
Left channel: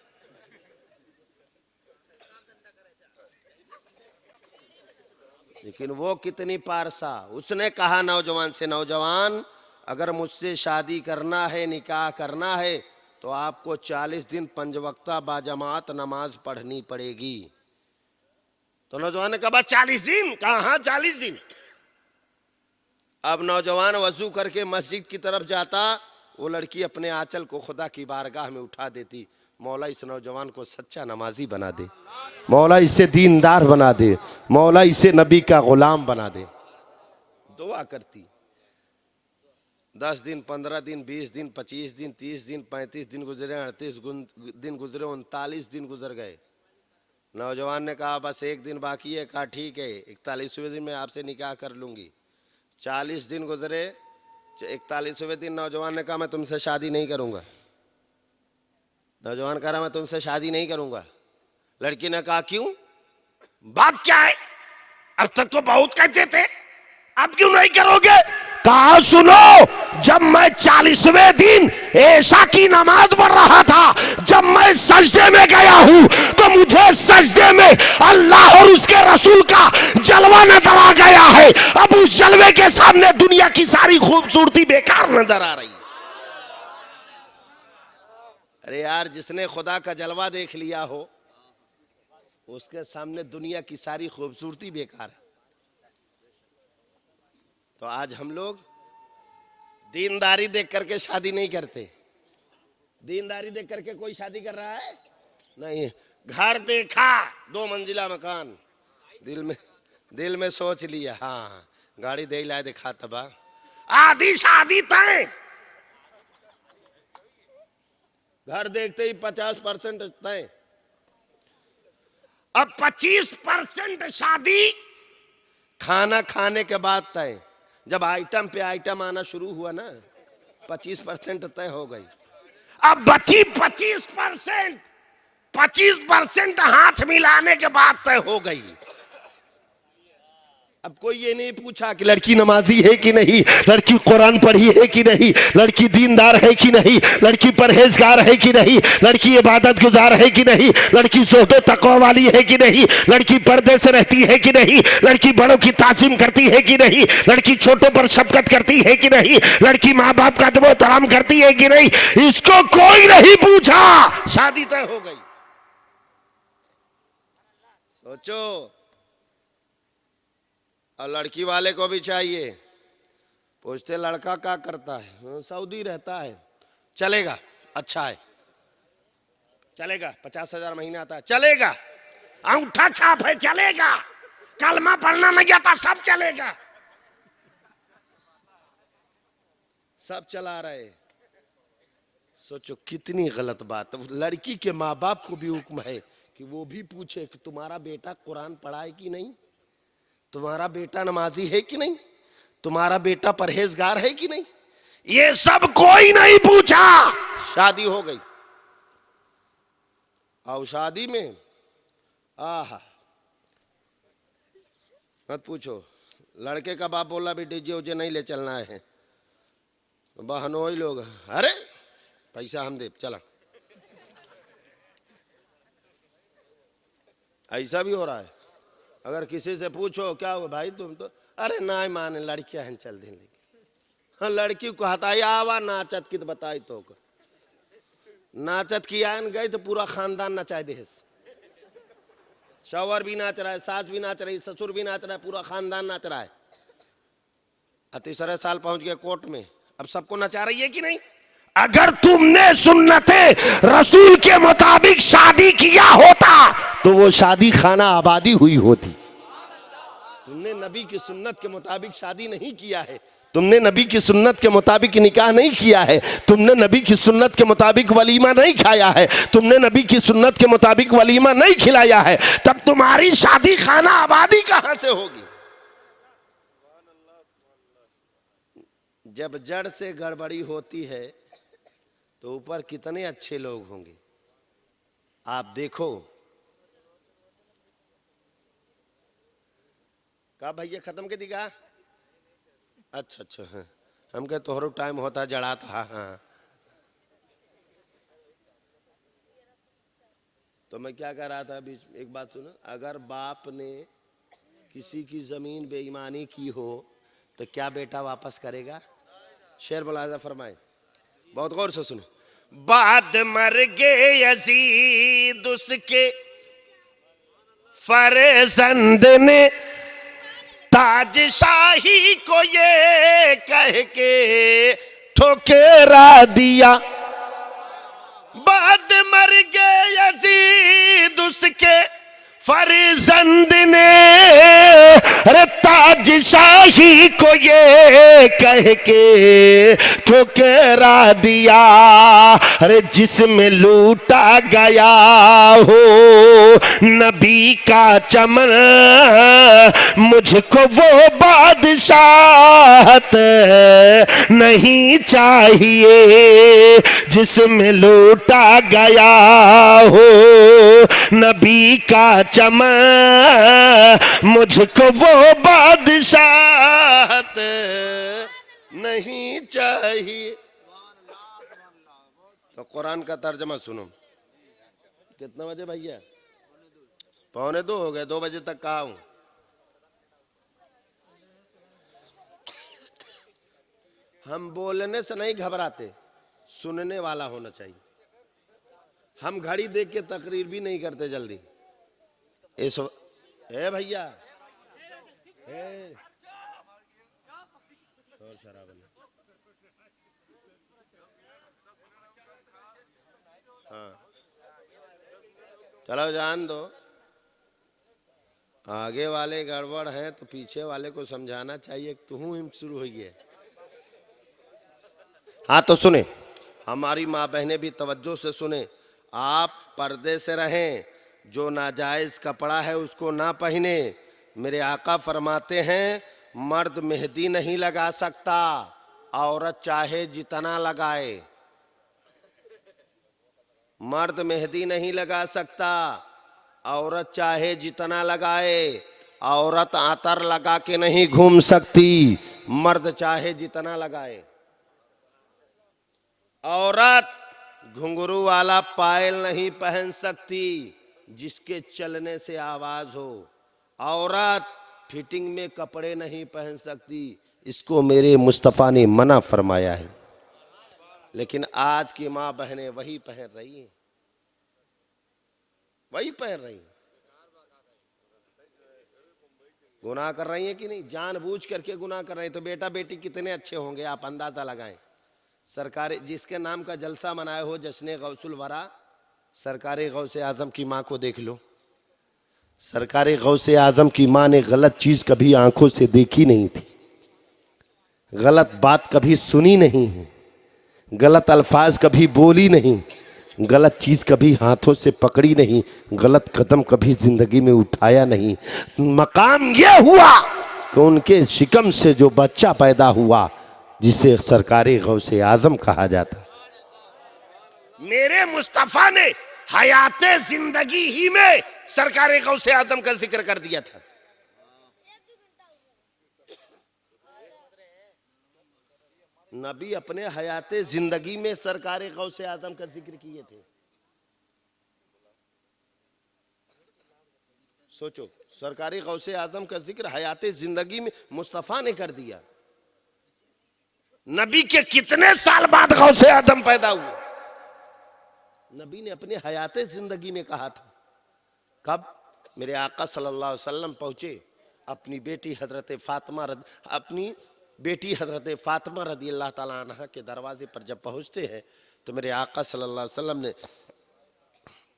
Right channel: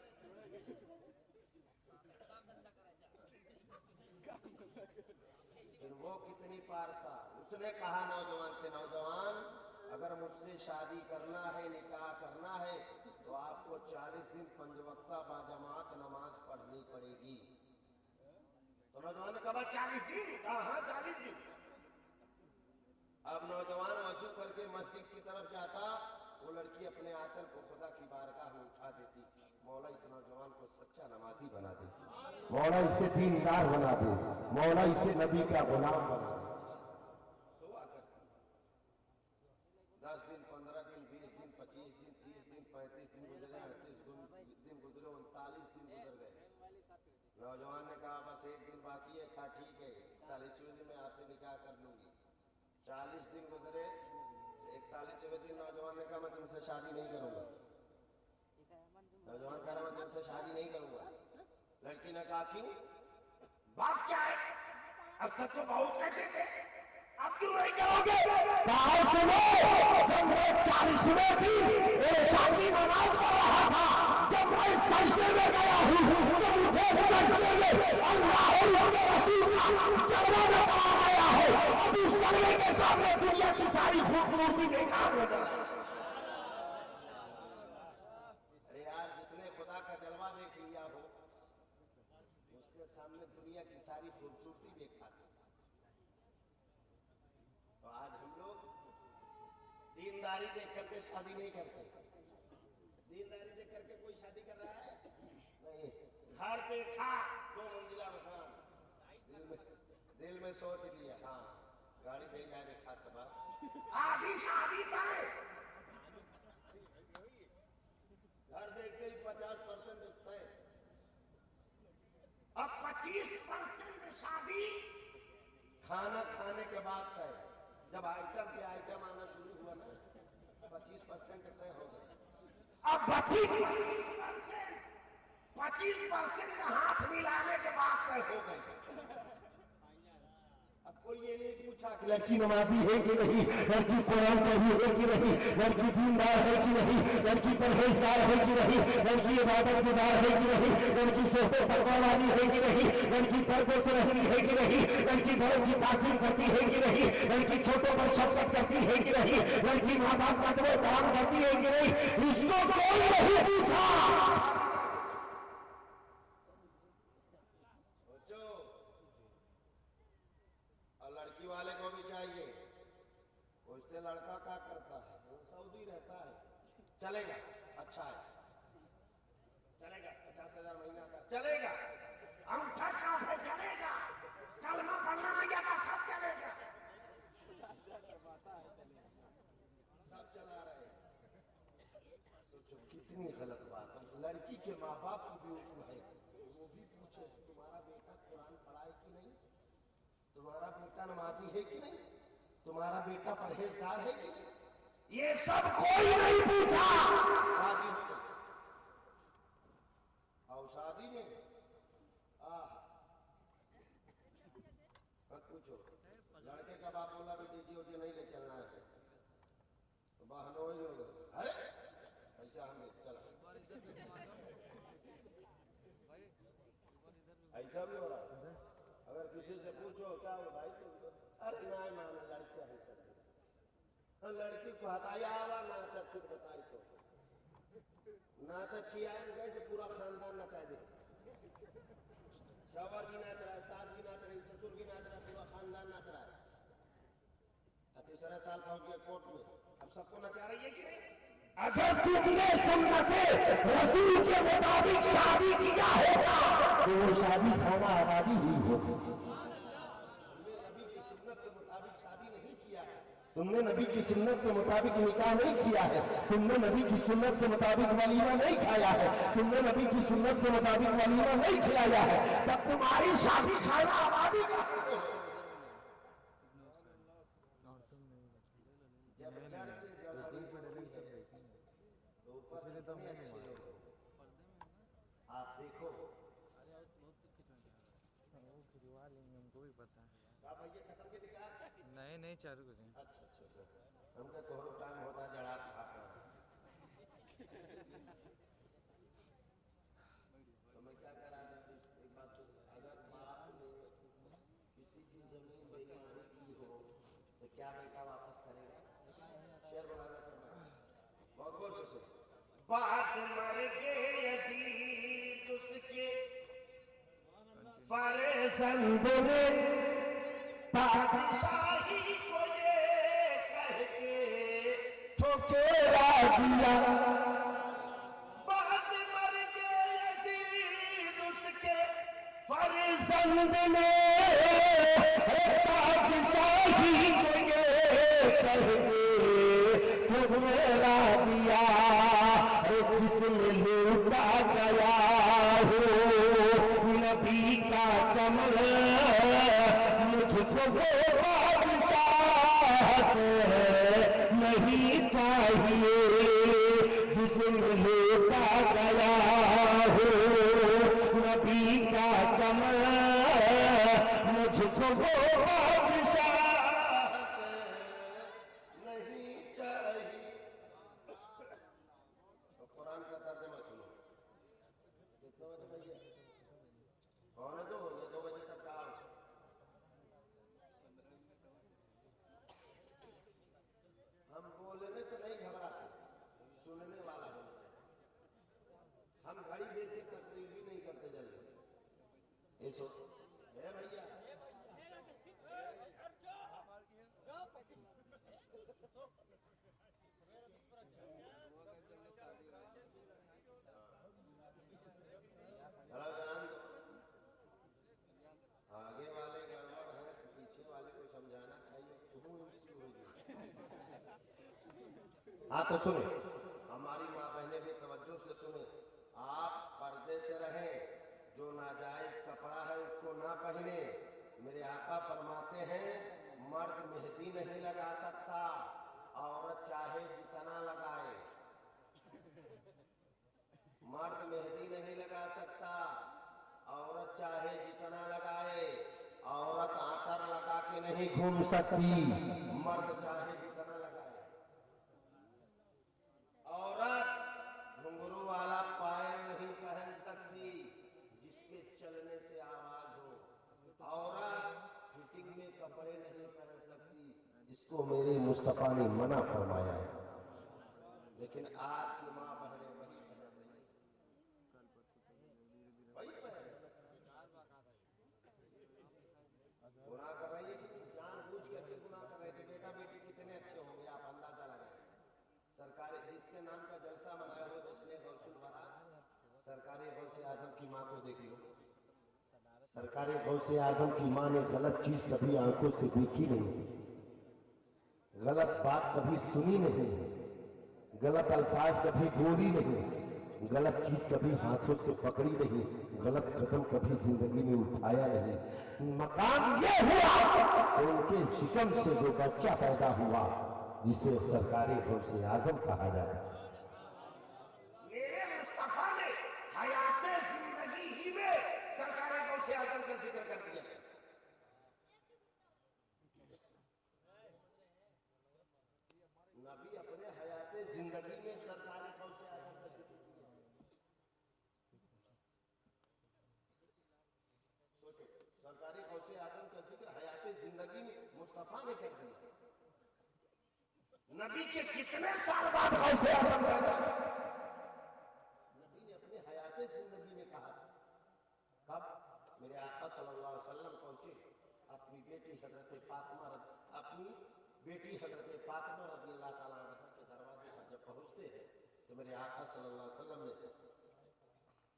लेकिन वो कितनी पारसा, उसने कहा नौजवान से, नौजवान अगर मुझसे शादी करना है, निकाह करना है, तो आपको 40 दिन 5 वक्ता बाजमात नमाज पढ़नी पड़ेगी। तो नौजवान ने कहा 40 दिन? कहा 40 दिन। अब नौजवान वजू करके मस्जिद की तरफ जाता, वो लड़की अपने आंचल को खुदा की बारगाह में उठा देती, मौला इस नौजवान को सच्चा नमाजी बना दे, मौला इसे दीनदार बना दे, मौला इसे नबी का गुलाम बना दे। दुआ करती। 10 दिन, 15 दिन, 20 दिन, 25 दिन, 30 दिन, 35 दिन गुजरे, 38 दिन गुजरे, 39 दिन गुजर गए। नौजवान ने कहा बस 1 दिन बाकी है। कहा ठीक है, 41वें दिन में आपसे निकाह कर लूंगी। 40 दिन गुजरे, 41वें दिन नौजवान ने कहा मैं तुमसे शादी नहीं करूंगा। नौजवान कह रहा मैं तुमसे शादी नहीं करूंगा। लड़की ने कहा क्यों? बात क्या है? अब तक तो बहुत कहते थे, अब क्यों नहीं करोगे? कहा सुनो, जब मैं 40वें दिन ऐशा की नमाज पढ़ रहा था, जब मैं सजदे में गया हूं, तो मुझे सजदे में अल्लाह और उसके रसूल का जलवा नजर आ गया है। अब उस जलवे के सामने दुनिया की सारी खूबसूरती बेकार नजर आ रही। अरे यार, जिसने खुदा का जलवा देख लिया हो, उसके सामने दुनिया की सारी खूबसूरती बेकार है। तो आज हम लोग दीनदारी देख करके शादी नहीं करते। दीनदारी देख करके कोई शादी कर रहा है? नहीं। घर देखा 2 मंजिला मकान, दिल में सोच लिया हाँ गाड़ी दे लाए दिखा तबा, आधी शादी तय। घर देखते ही 50% तय। अब 25% शादी खाना खाने के बाद तय। जब आइटम पे आइटम आना शुरू हुआ ना, 25% तय हो गई। अब बची 25%, 25% हाथ मिलाने के बाद तय हो गई। अब कोई ये नहीं पूछा कि लड़की नमाजी है कि नहीं, लड़की कुरान पढ़ी है कि नहीं, लड़की दीनदार है कि नहीं, लड़की परहेजगार है कि नहीं, लड़की इबादत गुजार है कि नहीं, लड़की सोहबे तकवा वाली है कि नहीं, लड़की पर्दे से रहती है कि नहीं, लड़की बड़ों की तासीम करती है कि नहीं, लड़की छोटों पर शफकत करती है कि नहीं, लड़की माँ बाप का अदब एहतराम करती है कि नहीं, इसको कोई नहीं पूछा, शादी तय हो गई। सोचो। और लड़की वाले को भी चाहिए, पूछते लड़का क्या करता है? सऊदी रहता है। चलेगा, अच्छा है, चलेगा। 50,000 महीना आता है, चलेगा। अंगूठा छाप है, चलेगा। कलमा पढ़ना नहीं आता, सब चलेगा। सब चला रहे। सोचो कितनी गलत बात। लड़की के माँ बाप को भी हुक्म है कि वो भी पूछे कि तुम्हारा बेटा कुरान पढ़ा है कि नहीं, तुम्हारा बेटा नमाजी है कि नहीं, तुम्हारा बेटा परहेजगार है कि नहीं। ये सब कोई नहीं पूछा, शादी हो गई। और शादी में आहा मत पूछो। लड़के का बाप बोला भी डीजे उजे नहीं ले चलना है। बहनोई लोग, अरे पैसा हम दे, चला। ऐसा भी हो रहा है। अगर किसी से पूछो क्या हो भाई तुम तो, अरे ना माने लड़कियां हैं चल देंगे। हाँ, लड़की को हताई आवा नाचत की तो बताई तो नाचत की आन गई तो पूरा खानदान नचाए दे। शौहर भी नाच रहा है, सास भी नाच रही, ससुर भी नाच रहा है, पूरा खानदान नाच रहा है। 30 साल पहुंच गए कोर्ट में, अब सबको नचा रही है कि नहीं। अगर तुमने सुन्नते रसूल के मुताबिक शादी किया होता तो वो शादी खाना आबादी हुई होती। तुमने नबी की सुन्नत के मुताबिक शादी नहीं किया है, तुमने नबी की सुन्नत के मुताबिक निकाह नहीं किया है, तुमने नबी की सुन्नत के मुताबिक वलीमा नहीं खाया है, तुमने नबी की सुन्नत के मुताबिक वलीमा नहीं खिलाया है, तब तुम्हारी शादी खाना आबादी कहां से होगी। जब जड़ से गड़बड़ी होती है तो ऊपर कितने अच्छे लोग होंगे आप देखो। का भैया खत्म के दिखा? नहीं चालू। अच्छा अच्छा, हाँ हम कहे तोहरो टाइम होता जड़ा था। हाँ तो मैं क्या कह रहा था बीच, एक बात सुनो, अगर बाप ने किसी की जमीन बेईमानी की हो तो क्या बेटा वापस करेगा? शेर मुलाजा फरमाए, बहुत गौर से सुनो। बाद मर गए यजीद उसके फरजंद ने ताजशाही को ये कह के ठुकरा दिया। बाद मर गए यजीद उसके फरजंद ने अरे ताजशाही को ये कह के ठुकरा दिया। अरे जिसमें लूटा गया हो नबी का चमन, मुझको वो बादशाहत नहीं चाहिए। जिसमें लूटा गया हो नबी का चमन, मुझको वो बादशाहत नहीं चाहिए। तो कुरान का तर्जमा सुनो। कितना बजे भैया? 1:45 हो गए, 2 बजे तक कहा हूं। हम बोलने से नहीं घबराते, सुनने वाला होना चाहिए। हम घड़ी देख के तकरीर भी नहीं करते जल्दी। इस ए भैया हाँ चलो जान दो, आगे वाले गड़बड़ हैं तो पीछे वाले को समझाना चाहिए। तू हिम शुरू हुई है। हाँ तो सुने, हमारी माँ बहनें भी तवज्जो से सुने। आप पर्दे से रहें, जो नाजायज कपड़ा है उसको ना पहने। मेरे आका फरमाते हैं मर्द मेहंदी नहीं लगा सकता, औरत चाहे जितना लगाए। मर्द मेहंदी नहीं लगा सकता, औरत चाहे जितना लगाए। औरत आतर लगा के नहीं घूम सकती, मर्द चाहे जितना लगाए। औरत घुंघरू वाला पायल नहीं पहन सकती जिसके चलने से आवाज हो। औरत फिटिंग में कपड़े नहीं पहन सकती, इसको मेरे मुस्तफ़ा ने मना फरमाया है। लेकिन आज की माँ बहनें वही पहन रही हैं, वही पहन रही हैं। गुनाह कर रही हैं कि नहीं? जानबूझ करके गुनाह कर रही हैं। तो बेटा बेटी कितने अच्छे होंगे आप अंदाजा लगाएं। सरकारी जिसके नाम का जलसा मनाए हो, जश्न गौसुल वरा, सरकारी गौसे आजम की माँ को देख लो। सरकारी गौसे आजम की माँ ने गलत चीज कभी आंखों से देखी नहीं थी, गलत बात कभी सुनी नहीं है, गलत अल्फाज कभी बोली नहीं, गलत चीज कभी हाथों से पकड़ी नहीं, गलत कदम कभी जिंदगी में उठाया नहीं। मकाम यह हुआ कि उनके शिकम से जो बच्चा पैदा हुआ जिसे सरकारी गौसे आजम कहा जाता, मेरे मुस्तफा ने हयाते जिंदगी ही में सरकारी गौसे आजम का जिक्र कर दिया था। नबी अपने हयाते जिंदगी में सरकारी गौसे आजम का जिक्र किए थे। सोचो, सरकारी गौसे आजम का जिक्र हयाते जिंदगी में मुस्तफा ने कर दिया। नबी के कितने साल बाद गौसे आजम पैदा हुए? नबी ने अपने हयाते जिंदगी में कहा था। कब? मेरे आका सल्लल्लाहु अलैहि वसल्लम पहुंचे, अपनी बेटी हजरत फातिमा रदी अल्लाह ताला अन्हा के दरवाजे पर जब पहुंचते हैं तो मेरे आका सल्लल्लाहु अलैहि वसल्लम ने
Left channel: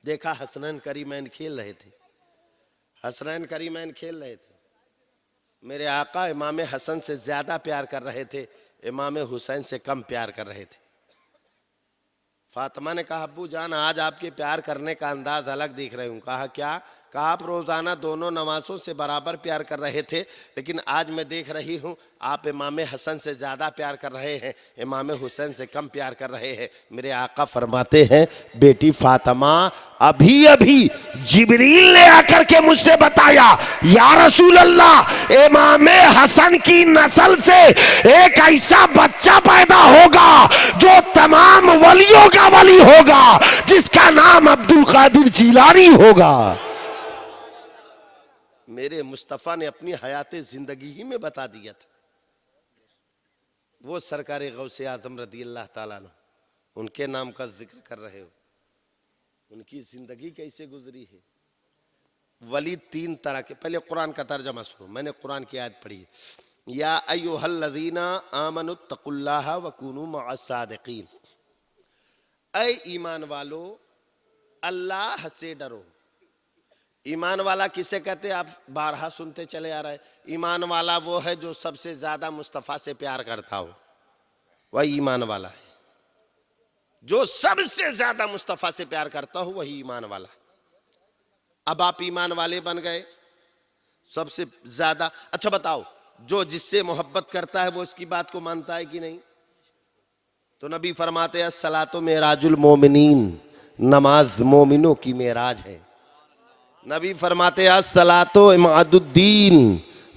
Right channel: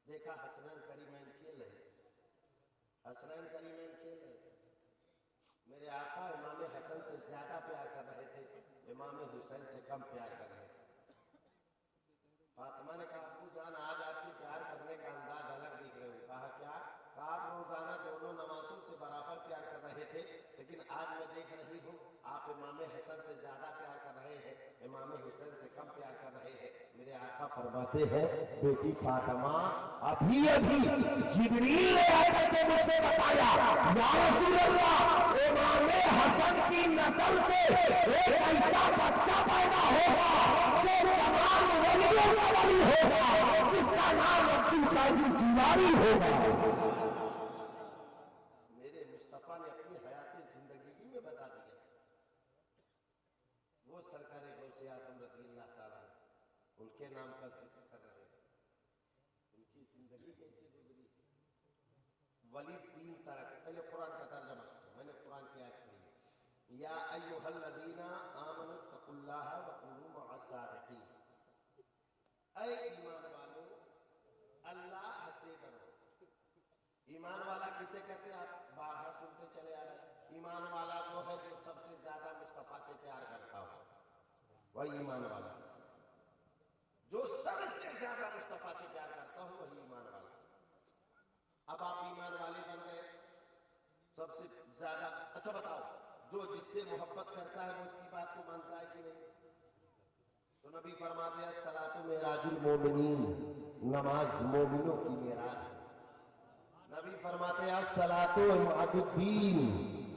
देखा हसनैन करीमैन खेल रहे थे। हसनैन करीमैन खेल रहे थे। मेरे आका इमाम हसन से ज्यादा प्यार कर रहे थे, इमाम हुसैन से कम प्यार कर रहे थे। फातिमा ने कहा अब्बू जान आज आपके प्यार करने का अंदाज अलग दिख रहे हूँ। कहा क्या? कहा आप रोज़ाना दोनों नमाज़ों से बराबर प्यार कर रहे थे, लेकिन आज मैं देख रही हूँ आप इमाम हसन से ज़्यादा प्यार कर रहे हैं, इमाम हुसैन से कम प्यार कर रहे हैं। मेरे आका फरमाते हैं बेटी फातिमा, अभी अभी जिब्रील ने आकर के मुझसे बताया या रसूल अल्लाह, इमाम हसन की नस्ल से एक ऐसा बच्चा पैदा होगा जो तमाम वलियों का वली होगा, जिसका नाम अब्दुल कादिर जिलानी होगा। मेरे मुस्तफ़ा ने अपनी हयाते जिंदगी ही में बता दिया था। वो सरकारे गौसे आजम रदी अल्लाह ताला अन्हु, उनके नाम का जिक्र कर रहे हो, उनकी जिंदगी कैसे गुजरी है। वली तीन तरह के, पहले कुरान का तर्जमा सुनो, मैंने कुरान की आयत पढ़ी है, या अय्युहल्लज़ीना आमनुत्तकुल्लाह वकुनू मअस्सादिकीन, ऐ ईमान वालो अल्लाह से डरो। ईमान वाला किसे कहते हैं? आप बारहा सुनते चले आ रहे हैं। ईमान वाला वो है जो सबसे ज्यादा मुस्तफ़ा से प्यार करता हो, वही ईमान वाला है। जो सबसे ज्यादा मुस्तफ़ा से प्यार करता हो वही ईमान वाला है। अब आप ईमान वाले बन गए सबसे ज्यादा। अच्छा बताओ, जो जिससे मोहब्बत करता है वो इसकी बात को मानता है कि नहीं? तो नबी फरमाते हैं सलातो मेराजुल मोमिनीन, नमाज मोमिनों की मेराज है। नबी फरमाते हैं सलातो इमादुद्दीन,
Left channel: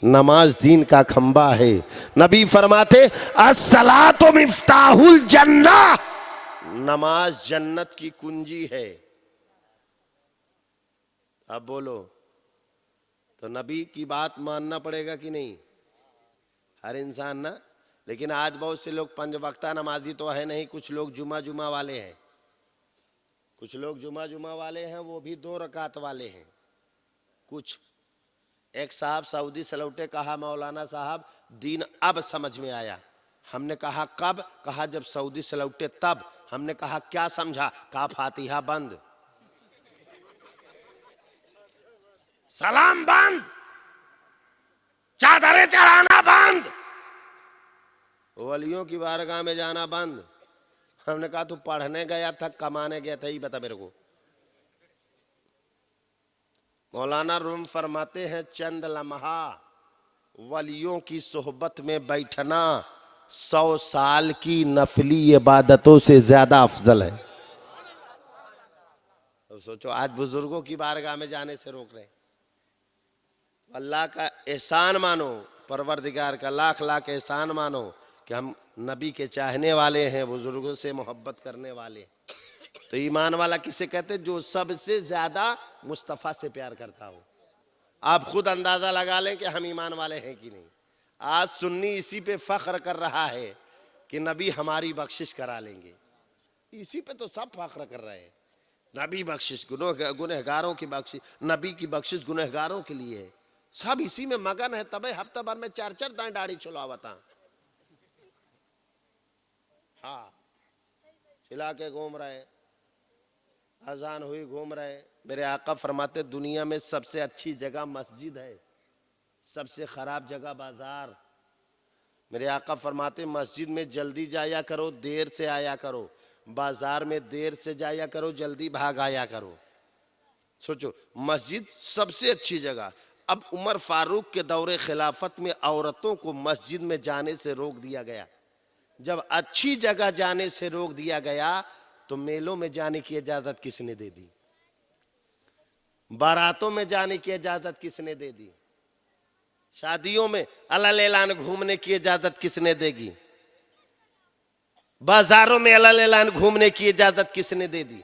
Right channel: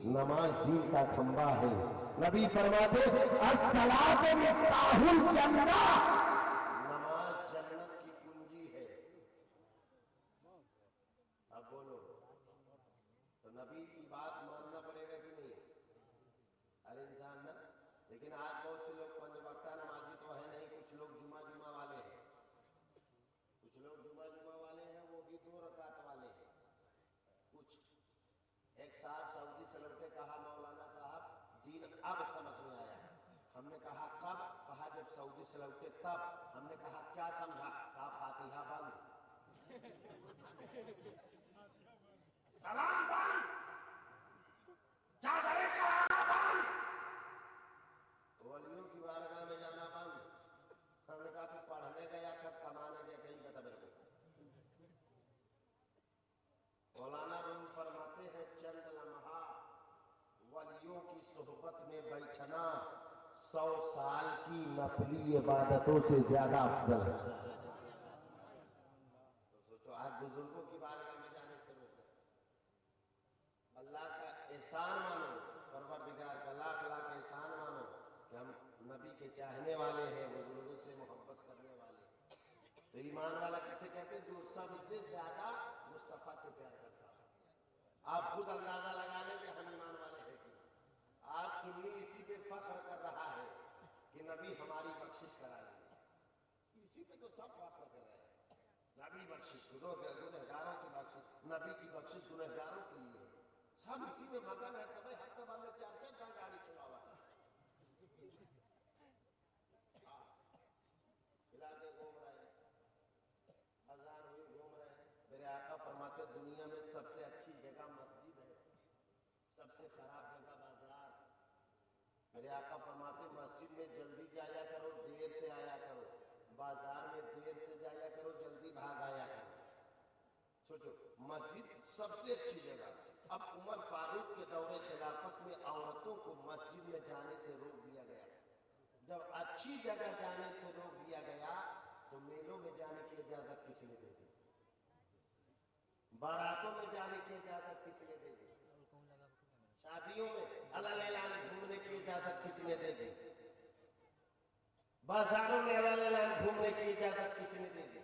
नमाज दीन का खंबा है। नबी फरमाते अस्सलातो मिफ्ताहुल जन्ना, नमाज जन्नत की कुंजी है। अब बोलो, तो नबी की बात मानना पड़ेगा कि नहीं? हर इंसान ना। लेकिन आज बहुत से लोग पंज वक्ता नमाजी तो है नहीं, कुछ लोग जुमा वाले हैं, कुछ लोग जुमा वाले हैं, वो भी 2 रकात वाले हैं। कुछ एक साहब सऊदी से लौटे, कहा मौलाना साहब दीन अब समझ में आया। हमने कहा कब? कहा जब सऊदी से लौटे तब। हमने कहा क्या समझा? कहा फातिहा बंद, सलाम बंद, चादरें चढ़ाना बंद, वलियों की बारगाह में जाना बंद। हमने कहा तू पढ़ने गया था कमाने गया था, ही बता मेरे को। मौलाना रूम फरमाते हैं चंद लम्हा वलियों की सोहबत में बैठना 100 साल की नफली इबादतों से ज्यादा अफजल है। तो सोचो आज बुजुर्गों की बारगाह में जाने से रोक रहे हैं। अल्लाह का एहसान मानो, परवरदिगार का लाख लाख एहसान मानो कि हम नबी के चाहने वाले हैं, बुजुर्गों से मोहब्बत करने वाले हैं। तो ईमान वाला किसे कहते हैं? जो सबसे ज्यादा मुस्तफ़ा से प्यार करता हो। आप खुद अंदाजा लगा लें कि हम ईमान वाले हैं कि नहीं। आज सुन्नी इसी पे फख्र कर रहा है कि नबी हमारी बख्शिश करा लेंगे, इसी पे तो सब फख्र कर रहे हैं। नबी बख्शिश गुनहगारों की बख्शिश, नबी की बख्शिश गुनहगारों के लिए है। सब इसी में मगन है। तबे हफ्ता भर में 4-4 दाएं दाढ़ी छुलावता, हाँ छिला के घूम रहे, अजान हुई घूम रहे। मेरे आका फरमाते दुनिया में सबसे अच्छी जगह मस्जिद है, सबसे खराब जगह बाजार। मेरे आका फरमाते मस्जिद में जल्दी जाया करो, देर से आया करो, बाजार में देर से जाया करो, जल्दी भाग आया करो। सोचो, मस्जिद सबसे अच्छी जगह। अब उमर फारूक के दौरे खिलाफत में औरतों को मस्जिद में जाने से रोक दिया गया। जब अच्छी जगह जाने से रोक दिया गया तो मेलों में जाने की इजाजत किसने दे दी? बारातों में जाने की इजाजत किसने दे दी? शादियों में अलल ऐलान घूमने की इजाजत किसने देगी? बाजारों में अलल ऐलान घूमने की इजाजत किसने दे दी?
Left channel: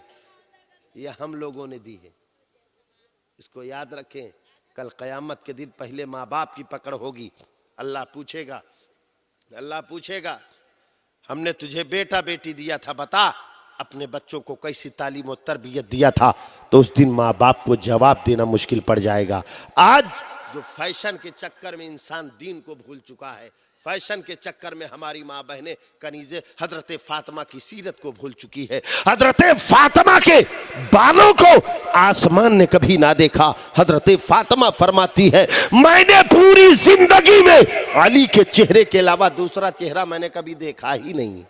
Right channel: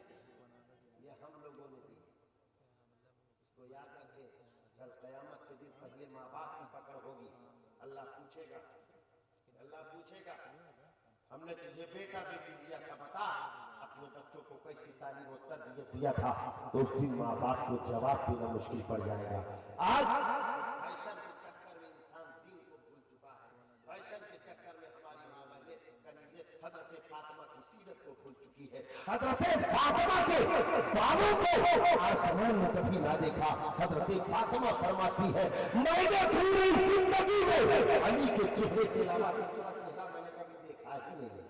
ये हम लोगों ने दी है। इसको याद रखें, कल कयामत के दिन पहले माँ बाप की पकड़ होगी। अल्लाह पूछेगा, अल्लाह पूछेगा हमने तुझे बेटा बेटी दिया था, बता अपने बच्चों को कैसी तालीम और तरबियत दिया था। तो उस दिन माँ बाप को जवाब देना मुश्किल पड़ जाएगा। आज जो फैशन के चक्कर में इंसान दीन को भूल चुका है, फैशन के चक्कर में हमारी माँ बहनें कनीज़े हजरत फातिमा की सीरत को भूल चुकी है। हजरत फातिमा के बालों को आसमान ने कभी ना देखा। हजरत फातिमा फरमाती है मैंने पूरी जिंदगी में अली के चेहरे के अलावा दूसरा चेहरा मैंने कभी देखा ही नहीं।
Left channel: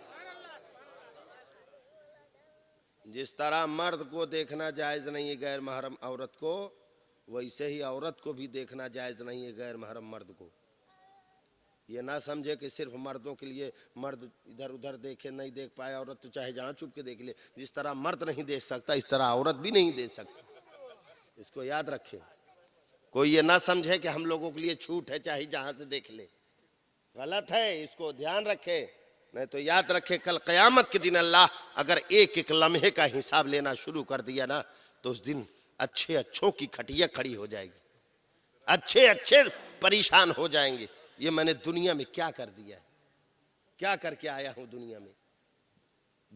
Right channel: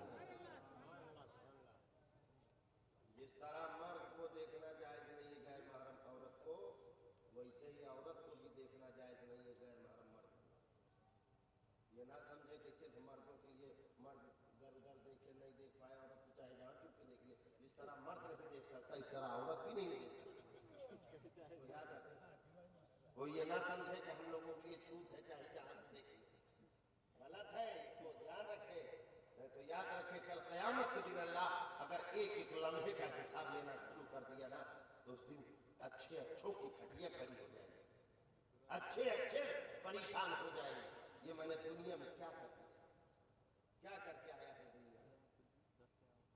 जिस तरह मर्द को देखना जायज़ नहीं है गैर महरम औरत को, वैसे ही औरत को भी देखना जायज़ नहीं है गैर महरम मर्द को। ये ना समझे कि सिर्फ मर्दों के लिए, मर्द इधर उधर देखे, नहीं देख पाए औरत तो चाहे जहाँ छुप के देख ले। जिस तरह मर्द नहीं देख सकता इस तरह औरत भी नहीं देख सकती। इसको याद रखें। कोई ये ना समझे कि हम लोगों के लिए छूट है, चाहे जहाँ से देख ले, गलत है। इसको ध्यान रखे। नहीं तो याद रखे कल क़यामत के दिन अल्लाह अगर एक एक लम्हे का हिसाब लेना शुरू कर दिया ना, तो उस दिन अच्छे अच्छों की खटिया खड़ी हो जाएगी, अच्छे अच्छे परेशान हो जाएंगे। ये मैंने दुनिया में क्या कर दिया है, क्या करके आया हूं दुनिया में।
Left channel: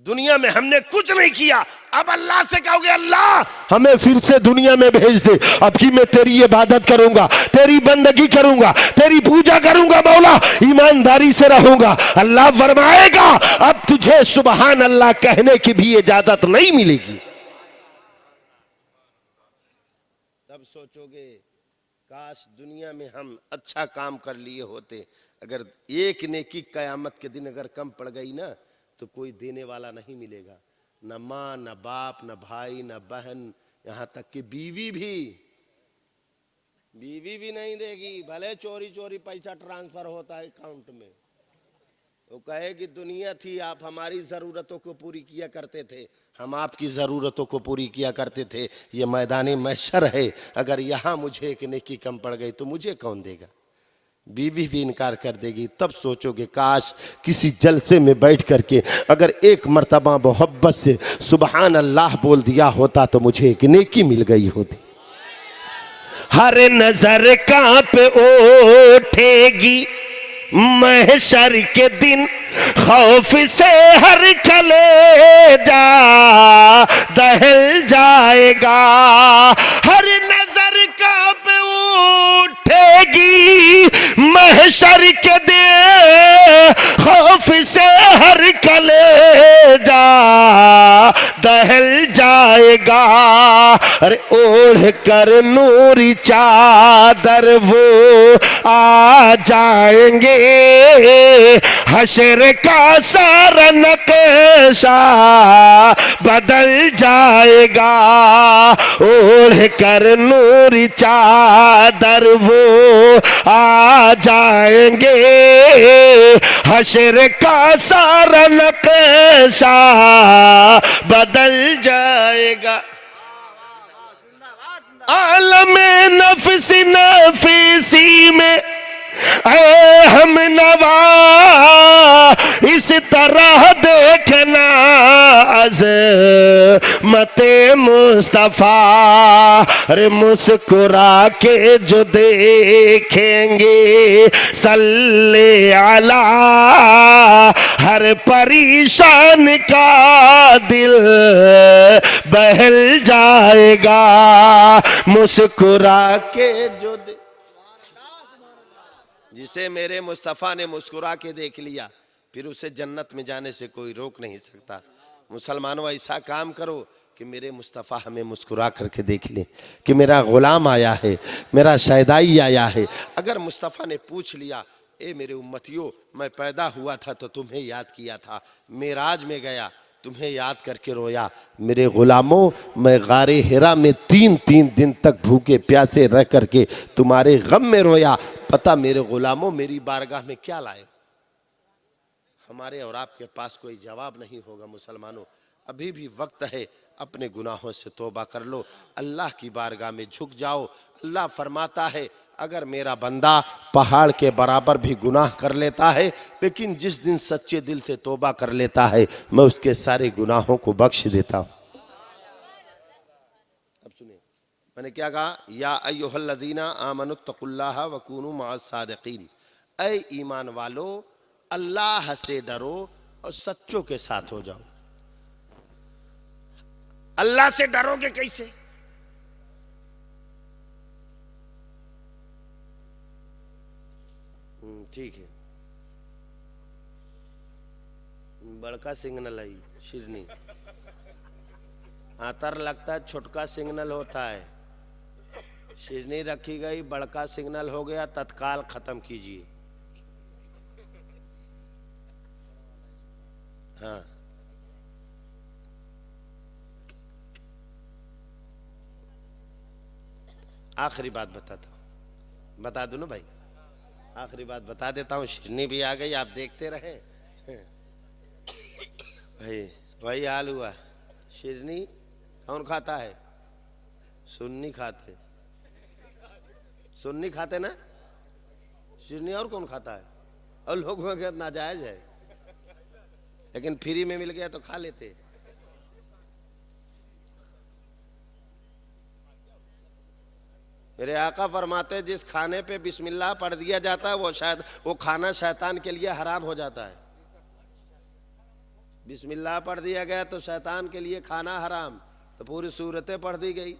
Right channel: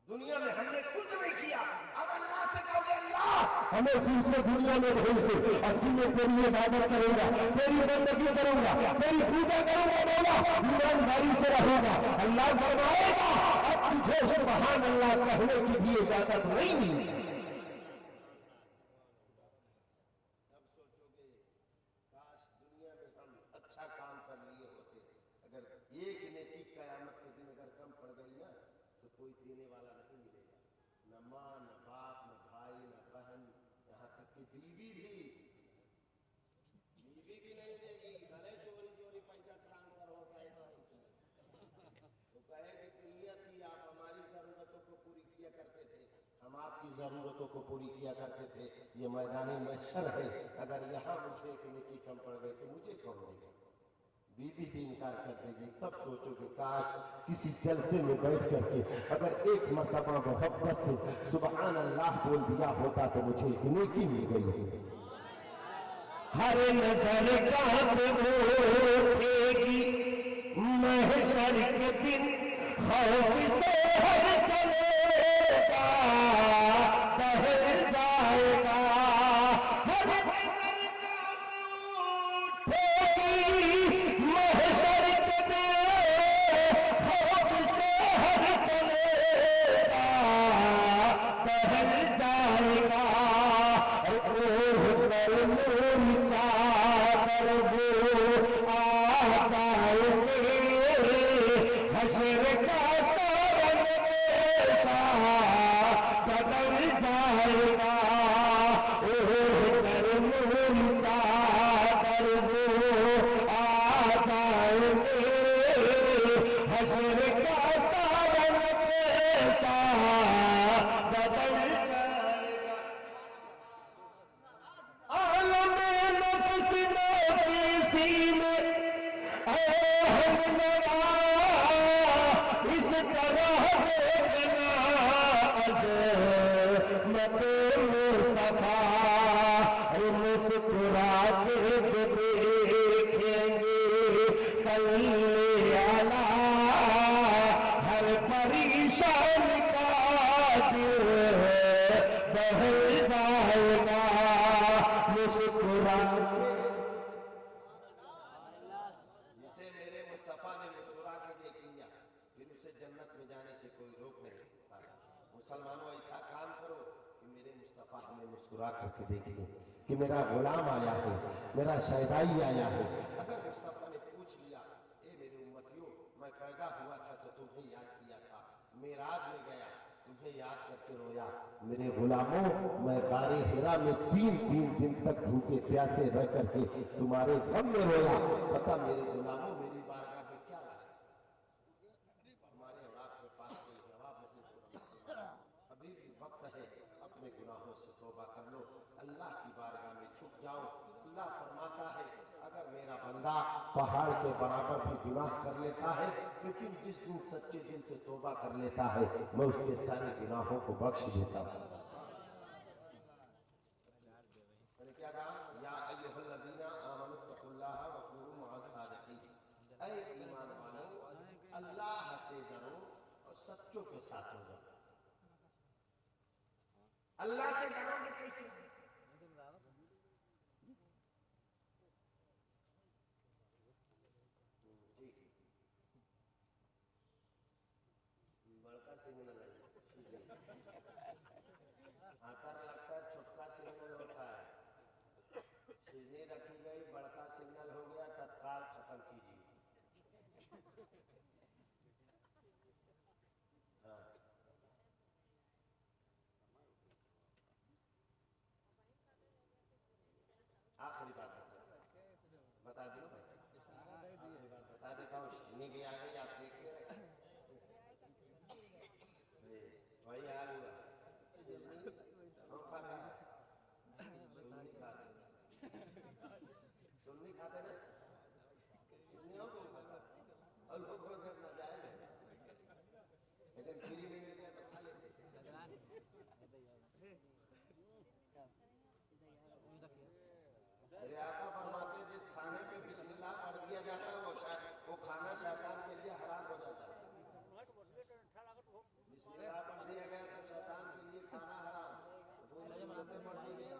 दुनिया में हमने कुछ नहीं किया, अब अल्लाह से कहोगे अल्लाह हमें फिर से दुनिया में भेज दे, अब की मैं तेरी इबादत करूंगा, तेरी बंदगी करूंगा, तेरी पूजा करूंगा मौला, ईमानदारी से रहूंगा। अल्लाह फरमाएगा अब तुझे सुबहान अल्लाह कहने की भी इजाजत नहीं मिलेगी। तब सोचोगे काश दुनिया में हम अच्छा काम कर लिए होते। अगर एक नेकी कयामत के दिन अगर कम पड़ गई ना, तो कोई देने वाला नहीं मिलेगा, न माँ न बाप न भाई न बहन, यहाँ तक कि बीवी भी नहीं देगी। भले चोरी चोरी पैसा ट्रांसफर होता है अकाउंट में, वो कहे कि दुनिया थी, आप हमारी ज़रूरतों को पूरी किया करते थे, हम आपकी ज़रूरतों को पूरी किया करते थे। ये मैदानी महशर है, अगर यहाँ मुझे एक नेकी कम पड़ गई तो मुझे कौन देगा। बीवी भी इनकार कर देगी। तब सोचोगे काश किसी जलसे में बैठ करके अगर एक मर्तबा मोहब्बत से सुबहान अल्लाह बोल दिया होता तो मुझे एक नेकी मिल गई होती। हर नजर कांप उठेगी महशर के दिन, खौफ से हर कलेजा दहल जाएगा। हर नजर कांप उठेगी महशर के दिन, खौफ से हर कलेजा दहल जाएगा। अरे ओढ़ कर नूरी चादर वो आ जाएंगे, हशर का सारा नक्शा बदल जाएगा। ओढ़ कर नूरी चादर वो आ जाएंगे, हशर का सारा नक्शा बदल जाएगा। आलमे नफसी नफीसी में ऐ हम नवा इस तरह देखना अज़मते मुस्तफा। अरे मुस्कुरा के जो देखेंगे सल्ले अला, हर परेशान का दिल बहल जाएगा। मुस्कुरा के जो जिसे मेरे मुस्तफ़ा ने मुस्कुरा के देख लिया, फिर उसे जन्नत में जाने से कोई रोक नहीं सकता। मुसलमानों ऐसा काम करो कि मेरे मुस्तफ़ा हमें मुस्कुरा करके देख ले कि मेरा ग़ुलाम आया है, मेरा शहदाई आया है। अगर मुस्तफ़ा ने पूछ लिया ए मेरे उम्मतियों, मैं पैदा हुआ था तो तुम्हें याद किया था, मेराज में गया तुम्हें याद करके रोया, मेरे ग़ुलामों मैं गारे हिरा में 3-3 दिन तक भूखे प्यासे रह करके तुम्हारे गम में रोया। पता मेरे ग़ुलामों मेरी बारगाह में क्या लाए। हमारे और आपके पास कोई जवाब नहीं होगा। मुसलमानों अभी भी वक्त है, अपने गुनाहों से तौबा कर लो, अल्लाह की बारगाह में झुक जाओ। अल्लाह फरमाता है अगर मेरा बंदा पहाड़ के बराबर भी गुनाह कर लेता है, लेकिन जिस दिन सच्चे दिल से तौबा कर लेता है मैं उसके सारे गुनाहों को बख्श देता हूँ। अब सुनिए मैंने क्या कहा, या अय्युहल्लज़ीना आमनुत्तकुल्लाह वकूनू मअस सादिकीन। ऐ ईमान वालो अल्लाह से डरो और सच्चों के साथ हो जाओ। अल्लाह से डरोगे कैसे? ठीक है, बड़का सिग्नल है शिरनी, आतर लगता है छोटका सिग्नल होता है। शिरनी रखी गई, बड़का सिग्नल हो गया, तत्काल खत्म कीजिए। हाँ आखिरी बात बताता हूँ, बता दूं ना भाई, आखिरी बात बता देता हूँ। शिरनी भी आ गई, आप देखते रहे भाई, वही हाल हुआ। शिरनी कौन खाता है? सुन्नी खाते, सुन्नी खाते ना, शिरनी और कौन खाता है? और लोगों के नाजायज है, लेकिन फ्री में मिल गया तो खा लेते। मेरे आका फरमाते जिस खाने पे बिस्मिल्लाह पढ़ दिया जाता है वो खाना शैतान के लिए हराम हो जाता है। बिस्मिल्लाह पढ़ दिया गया तो शैतान के लिए खाना हराम, तो पूरी सूरतें पढ़ दी गई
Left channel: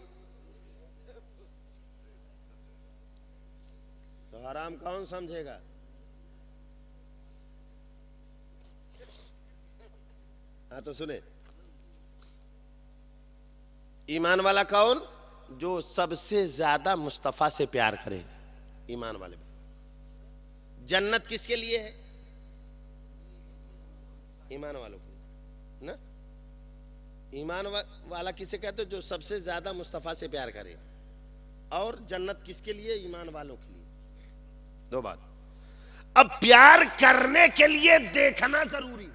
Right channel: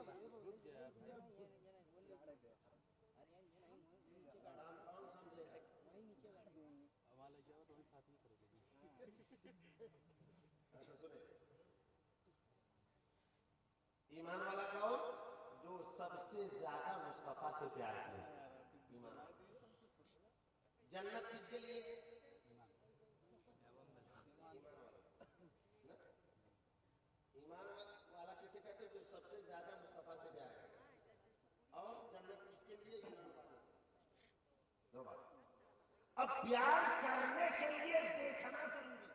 तो हराम कौन समझेगा? हाँ तो सुने, ईमान वाला कौन? जो सबसे ज्यादा मुस्तफा से प्यार करे, ईमान वाले। जन्नत किसके लिए है? ईमान वालों को ना। ईमान वाला किसे कहते हो? जो सबसे ज्यादा मुस्तफा से प्यार करे। और जन्नत किसके लिए? ईमान वालों के लिए। दो बात। अब प्यार करने के लिए देखना जरूरी।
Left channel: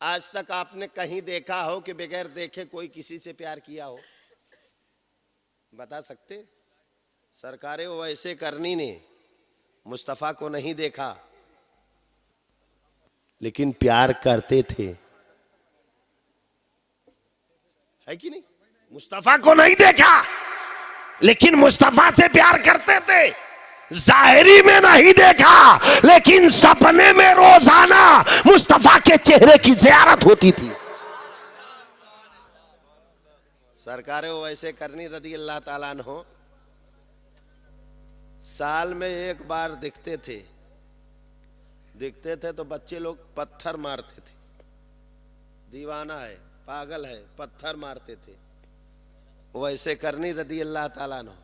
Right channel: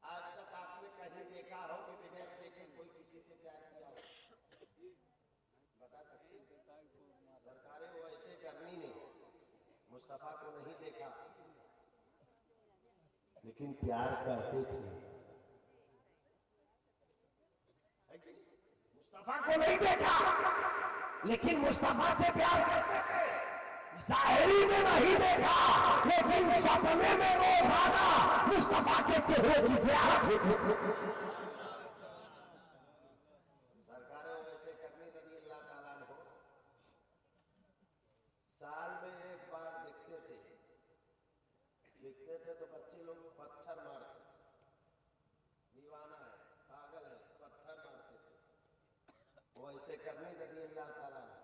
आज तक आपने कहीं देखा हो कि बगैर देखे कोई किसी से प्यार किया हो? बता सकते? सरकारें वो ऐसे करनी ने मुस्तफा को नहीं देखा, लेकिन प्यार करते थे, है कि नहीं? मुस्तफा को नहीं देखा, लेकिन मुस्तफा से प्यार करते थे। जाहिरी में नहीं देखा, लेकिन सपने में रोजाना मुस्तफा के चेहरे की ज़ियारत होती थी। सरकारें वो ऐसे करनी रदी अल्लाह ताला अन्हो, साल में एक बार दिखते थे तो बच्चे लोग पत्थर मारते थे। दीवाना है, पागल है, पत्थर मारते थे। वो ऐसे करनी रदी अल्लाह ताला अन्हो।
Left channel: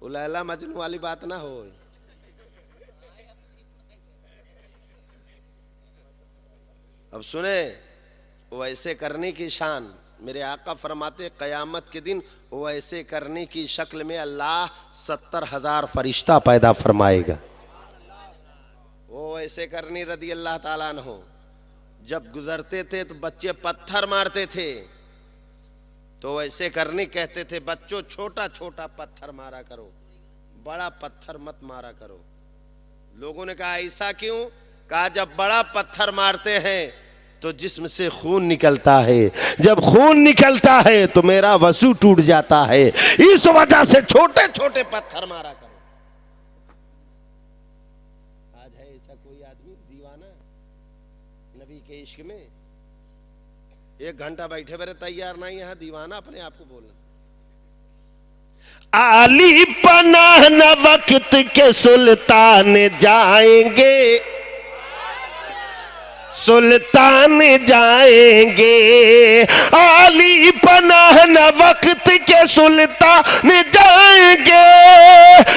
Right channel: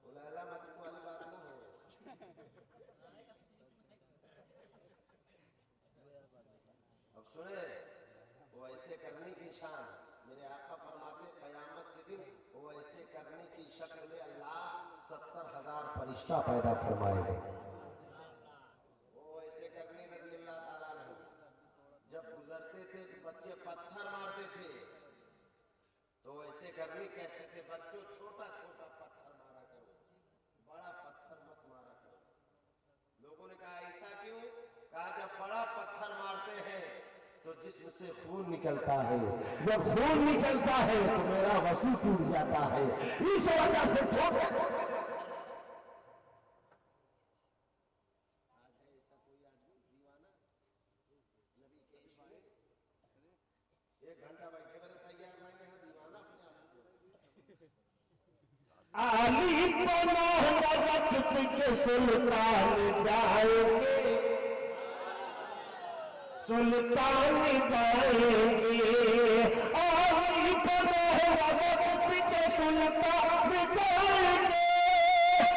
वो लैला मजनू वाली बात ना हो। अब सुने, वो ऐसे करने की शान मेरे आका फरमाते कयामत के दिन वो ऐसे करने की शक्ल में अल्लाह 70,000 फरिश्ता पैदा फरमाएगा। वो ऐसे करनी रदी अल्लाह ताला अन्हो जब गुजरते थे तो बच्चे पत्थर मारते थे, तो ऐसे करनी कहते थे बच्चों छोटा छोटा पत्थर मारा करो, बड़ा पत्थर मत मारा करो। लोगों ने कहा ऐसा क्यों? कहा जब बड़ा पत्थर मारते हैं तो जिस्म से खून निकलता है, जब खून निकलता है तो मेरा वसू टूट जाता है, इस वजह से छोटे छोटे पत्थर मारा करो। आज है ऐसा कोई आदमी दीवाना नबी के इश्क में? 1 घंटा बैठे बैठे तैयार नहीं, यहां दीवाना अपने आप को बोलना। आली पनाह न वक्त के सुल्तान जाएंगे, सुल्तान जाएंगे। आली पनाह न वक्त के सुल्तान जाएंगे,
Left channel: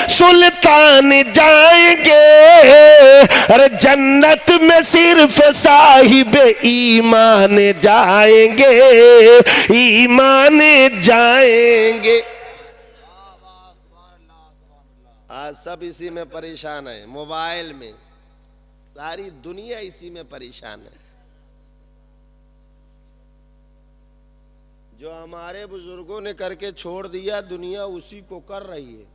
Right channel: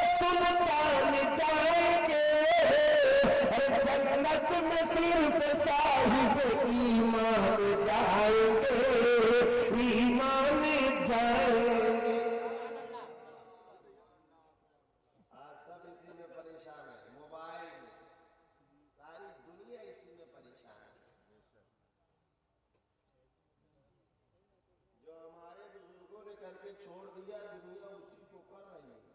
सुल्तान जाएंगे। अरे जन्नत में सिर्फ साहिब ईमान जाएंगे, ईमान जाएंगे। आज सब इसी में परेशान है, मोबाइल में, सारी दुनिया इसी में परेशान है। जो हमारे बुजुर्गों ने करके छोड़ दिया दुनिया उसी को कर रही है।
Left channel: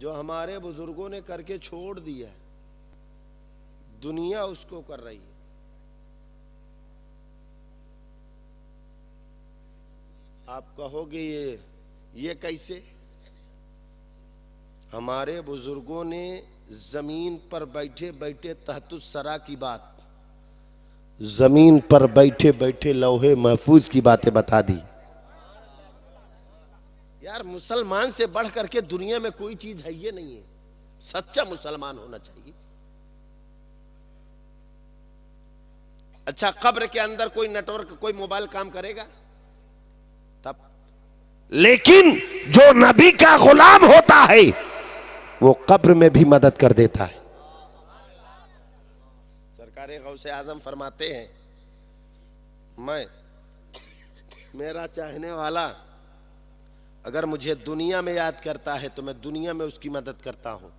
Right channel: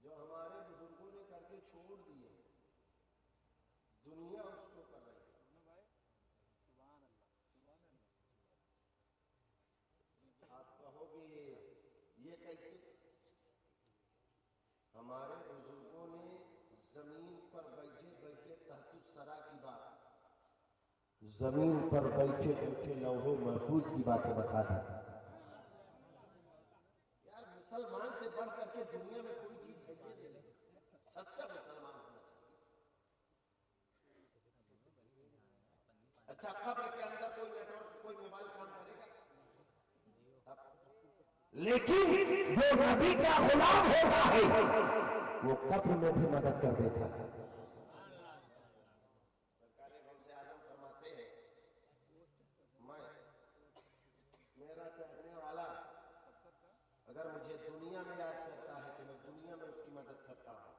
जो हमारे बुजुर्गों ने करके छोड़ दिया दुनिया उसको कर रही है। आप कहोगे ये कैसे? हमारे बुजुर्गों ने जमीन पर बैठे बैठे तहतुस सरा की बात, जमीन पर बैठे बैठे लौहे महफूज की बातें बता दी। यार मुसलमान से बढ़ करके दुनिया में कोई चीज है ये नहीं है। सच्चा मुसलमान होना चाहिए। अच्छा कब्र के अंदर कोई नेटवर्क कोई मोबाइल काम करेगा तब? लेकिन जो नबी का गुलाम होता है वो कब्र में भी मदद कर देता है। सरकारे गौसे आजम फरमाते हैं मेरा चाहने वाला अगर मुझे दुनिया में याद करता है तो मैं दुनिया में उसकी मदद करता हूँ,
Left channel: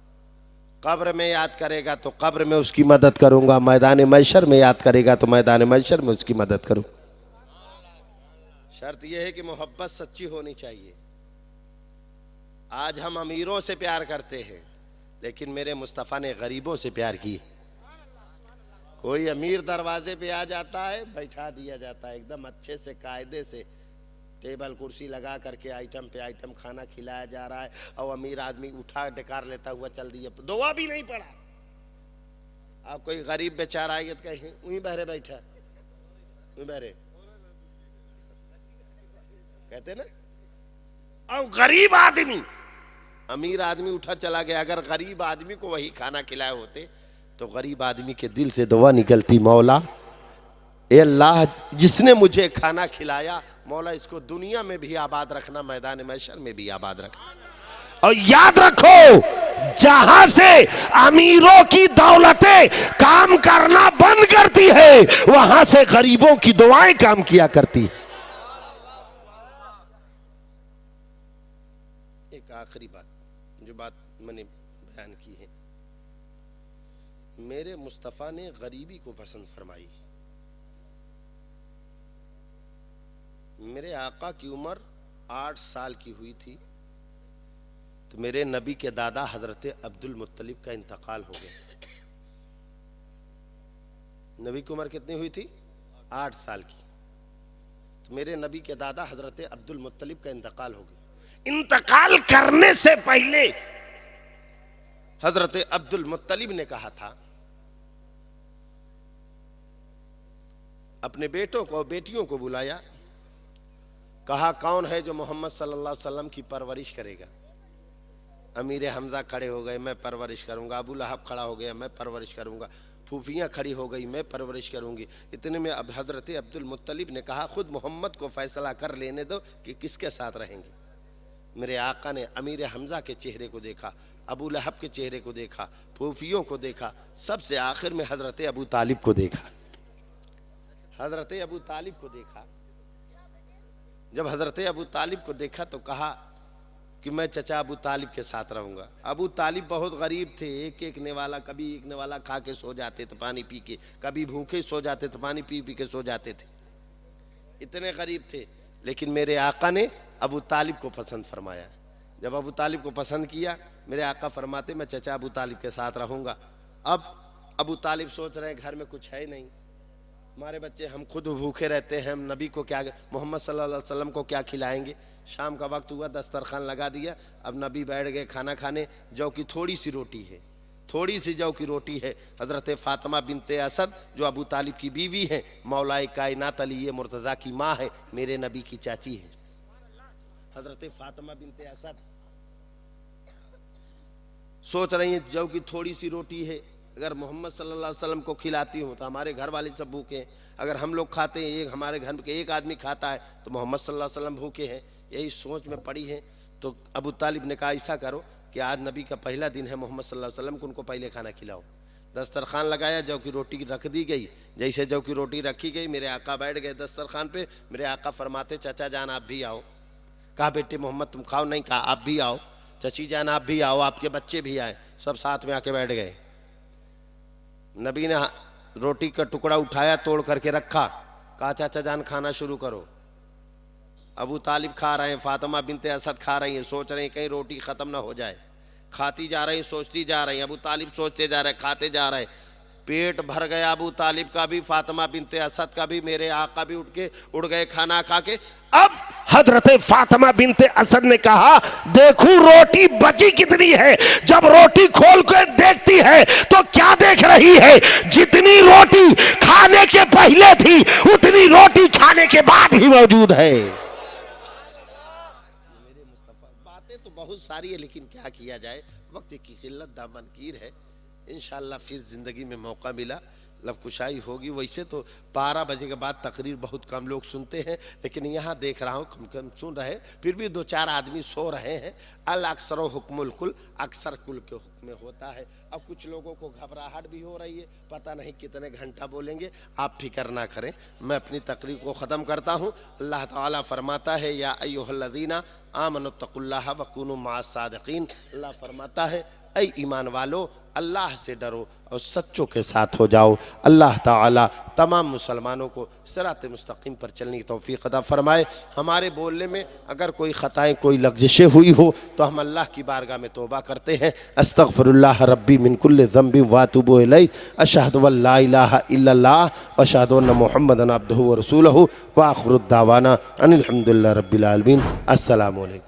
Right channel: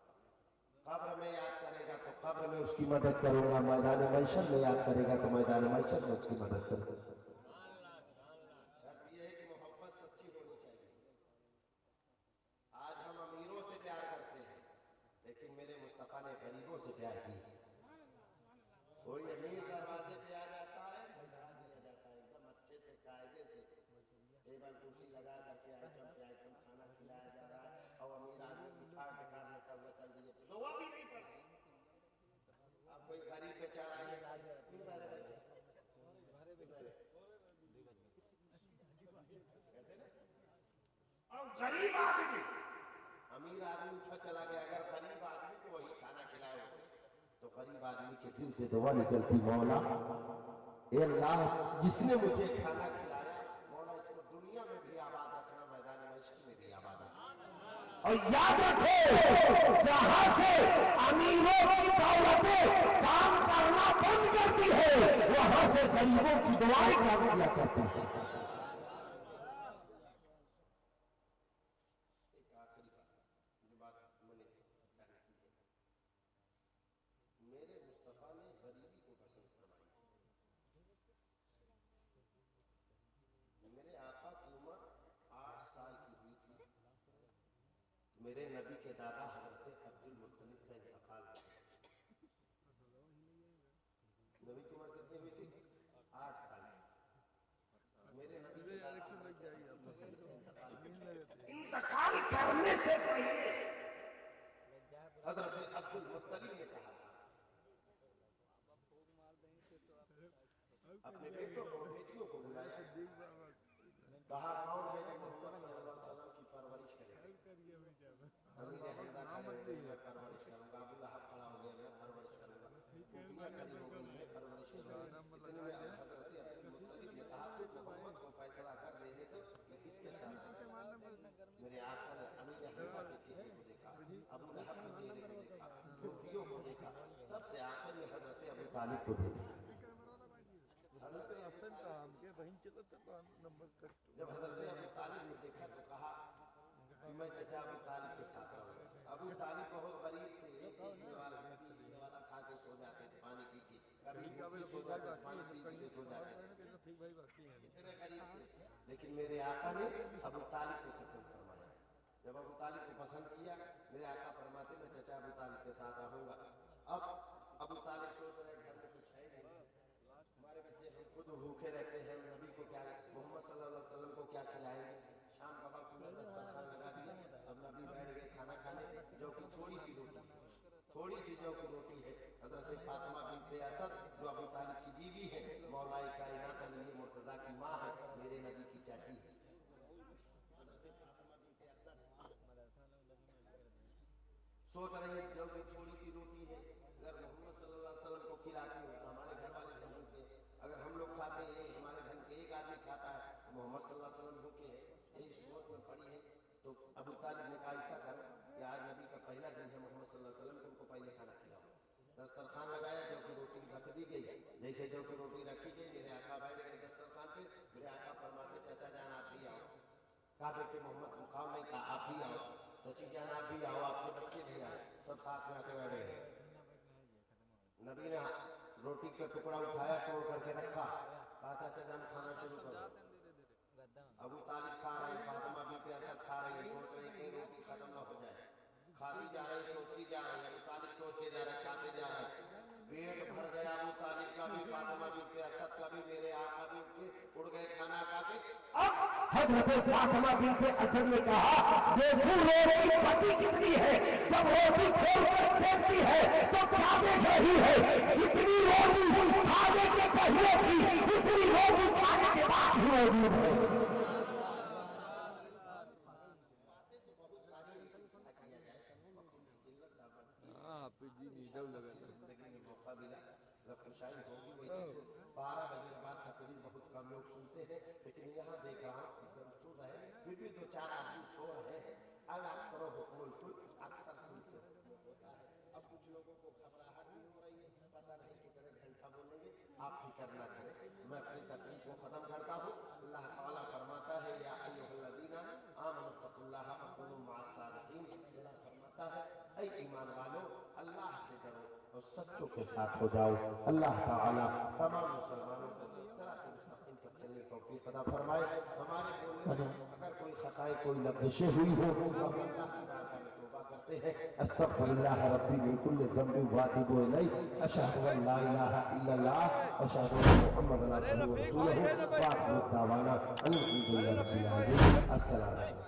कब्र में याद करेगा तो कब्र में उसकी मदद करूंगा, मैदान महशर में याद करेगा तो मैदान महशर में उसकी मदद करूँ। शर्त यह है कि मोहब्बत सच्ची होनी चाहिए। आज हम अमीरों से प्यार करते हैं, लेकिन मेरे मुस्तफ़ा ने गरीबों से प्यार किया। कोई अमीर दरवाजे पे आ जाता है, बैठा दिया जाता है एकदम अच्छे से, कायदे से टेबल कुर्सी लगा करके आइटम पे आइटम खाना खिलाया जा रहा है, और अमीर आदमी उठा डकार लेता हुआ चल दिया, दुआ भी नहीं पड़ा। अब कोई गरीब बेचारा आएगा तो कहीं वहीं बहरे बैठा, वहीं बहरे कहते ना। अब गरीब आदमी, अमीर आदमी उठा चला गया। अगर गरीब आदमी को वही खाना खिलाए होते तो गरीब आदमी के दिल से दुआ निकलती, मौला ए अल्लाह जिसने मुझे खाना खिलाया, मौला इसको दुनिया में भी आबाद रखना, मैदान महशर में भी आबाद रखना। और याद रखो, जहां से अमीरों की दौलतें काम करना बंद करती है, वहां से गरीबों की दुआएं काम किया करती है। एक आखिरी बात, जो बात मैंने बयान की है, मेरे मुस्तफ़ा ने गरीबी को पसंद फरमाई। मेरे आका की उम्र 8 साल की हुई थी तो मेरे नबी के दादा हजरत अब्दुल मुत्तलिब का इंतकाल हो गया। नबी की उम्र कितनी हुई थी? 8 साल की। तो मेरे नबी के दादा हजरत अब्दुल मुत्तलिब का इंतकाल हो गया। इंतकाल करने से पहले हजरत अब्दुल मुत्तलिब ने कहा था, अपने बेटों को बेटियों को बुलाया, कहा कौन है जो मोहम्मद सल्लल्लाहु अलैहि वसल्लम की परवरिश करेगा? अमीर हमजा खड़े हो गए, मैं परवरिश करूंगा। अबू लहब खड़ा हो गया, मैं परवरिश करूंगा। फूफियाँ खड़ी हो गई, मैं परवरिश करूंगी। इतने में अब हजरत अब्दुल मुत्तलिब ने कहा, खुद मोहम्मद को फैसला कर लेने दो कि किसके साथ रहेंगे। मेरे आका ने अमीर हमजा के चेहरे को देखा, अबू लहब के चेहरे को देखा, फूफियों को देखा, सबसे आखिर में हजरत अबू तालिब को देखा। हजरत अबू तालिब को देखा। जब हजरत अबू तालिब को देखा तो कहा कि मैं चचा अबू तालिब के साथ रहूंगा। अबू तालिब बहुत गरीब थे, एक एक नेवाला, कभी एक नेवाला खा के सो जाते थे पानी पी के, कभी भूखे सो जाते थे पानी पी पी के सो जाते थे, इतने गरीब थे। लेकिन मेरे आका ने अबू तालिब को पसंद फरमाया। जब अबू तालिब को पसंद किया, मेरे आका फरमाते मैं चचा अबू तालिब के साथ रहूंगा। अब अबू तालिब सोच रहे हैं घर में कुछ है नहीं, हमारे बच्चे, हम खुद भूखे रहते हैं, हम नबी को क्या, मोहम्मद सल्लल्लाहु अलैहि वसल्लम को क्या खिलाएंगे। शाम का वक्त हुआ, दस्तरखान लगा दिया, अब नबी बैठ गए खाना खाने। जौ की थोड़ी सी रोटी है, थोड़ी सी जौ की रोटी है। हज़रत फ़ातिमा बिनते असद जो अबू तालिब की बीवी है, मौलाए कायनात अली मुर्तज़ा की माँ है, मेरे नबी की चाची है हज़रत फ़ातिमा बिनते असद। सोच रही हैं जौ की थोड़ी सी रोटी है, अगर मोहम्मद सल्लल्लाहु अलैहि वसल्लम को खिलाती हूँ तो हमारे घर वाले सब भूखे हैं, अगर हम लोग खाते हैं, एक हमारे घर के एक आदमी खाता है तो मोहम्मद सल्लल्लाहु अलैहि वसल्लम भूखे हैं। यही सोच में पड़ी है। तो अबू तालिब ने कहा ऐसा करो कि आज नबी का पहला दिन है मोहम्मद सल्लल्लाहु अलैहि वसल्लम को, उनको पहले खाना खिलाओ। दस्तरखान लगाया, जौ की रोटी रख दी गई। जैसे जौ की रोटी रखी गई, मेरे आका बैठ गए दस्तरखान पे। मेरे आका फरमाते चचा जान आप भी आओ। कहा बेटे मोहम्मद तुम खाओ? नहीं। कहा आप भी आओ। चची जान आप भी आओ, आपके बच्चे भी आए। सब साथ में आके बैठ गए। नबी ने रोटी का टुकड़ा उठाया, तोड़ करके रखा, कहा चाचा जान खाना शुरू करो। अबू तालिब खा रहे हैं, फातिमा बिनते असद खा रही हैं, सोच रहे हैं कहीं रोटी ख़त्म ना हो जाए। खाती जा रही, सोचती जा रही। अबू तालिब सोचते जा रहे, खाते जा रहे। पेट भर गया अबू तालिब का भी, फातिमा बिनते असद का भी। मेरे आका भी उड़ गए खाना खा के। अब हजरत फातिमा बिनते असद ने कहा देखूं रोटी बची कितनी है। जब रोटी खोल कर देखती है तो क्या देख रही है? जितनी रोटी खाने के पहले थी उतनी रोटी खाने के बाद भी मौजूद है। बातें तो बहुत सारी है, लेकिन क्या किया जाए, वक्त की किल्लत दामनकीर है। इंशाअल्लाह फिर जिंदगी में मौका मिला लब कुशाई होगी। वैसे तो 12 बजे के बाद तकरीर बहुत कम लोग सुनते हैं, लेकिन यहाँ देख रहा हूँ कम कम सुन रहे, फिर भी 2-4 आदमी सो रहे हैं। अल अक्सर हुक्मुल कुल, अक्सर कुल के हुक्म में होता है। अब कुछ लोगों को घबराहट भी हो रही है, पता नहीं कितने घंटा बोलेंगे। आप फिक्र ना करें, मैं अपनी तकरीर को ख़त्म करता हूँ। अल्लाह ताला फरमाता है या अय्युहल्लज़ीना आमनुत्तकुल्लाह वकुनू माअस सादिकीन। अल्लाह फरमाता है ऐ ईमान वालो, अल्लाह से डरो और सच्चों के साथ हो जाओ। अल्लाह ताला तमाम मुसलमानों को सिरात मुस्तकीम पर चलने की तौफीक अता फरमाए। हमारे बोलने में अगर कोई ख़ताएँ, कोई लग़ज़िशें हुई हो तो हम अल्लाह की बारगाह में तौबा करते हैं। अस्तग़फ़िरुल्लाह रब्बी मिन कुल्लि ज़ंबिन व अतूबु इलैहि, अशहदु अन ला इलाहा इल्लल्लाह व अशहदु अन्न मुहम्मदन अब्दुहु व रसूलुहु व आखिरु दावाना अनिल हम्दुलिल्लाहि रब्बिल आलमीन। अस्सलामु अलैकुम।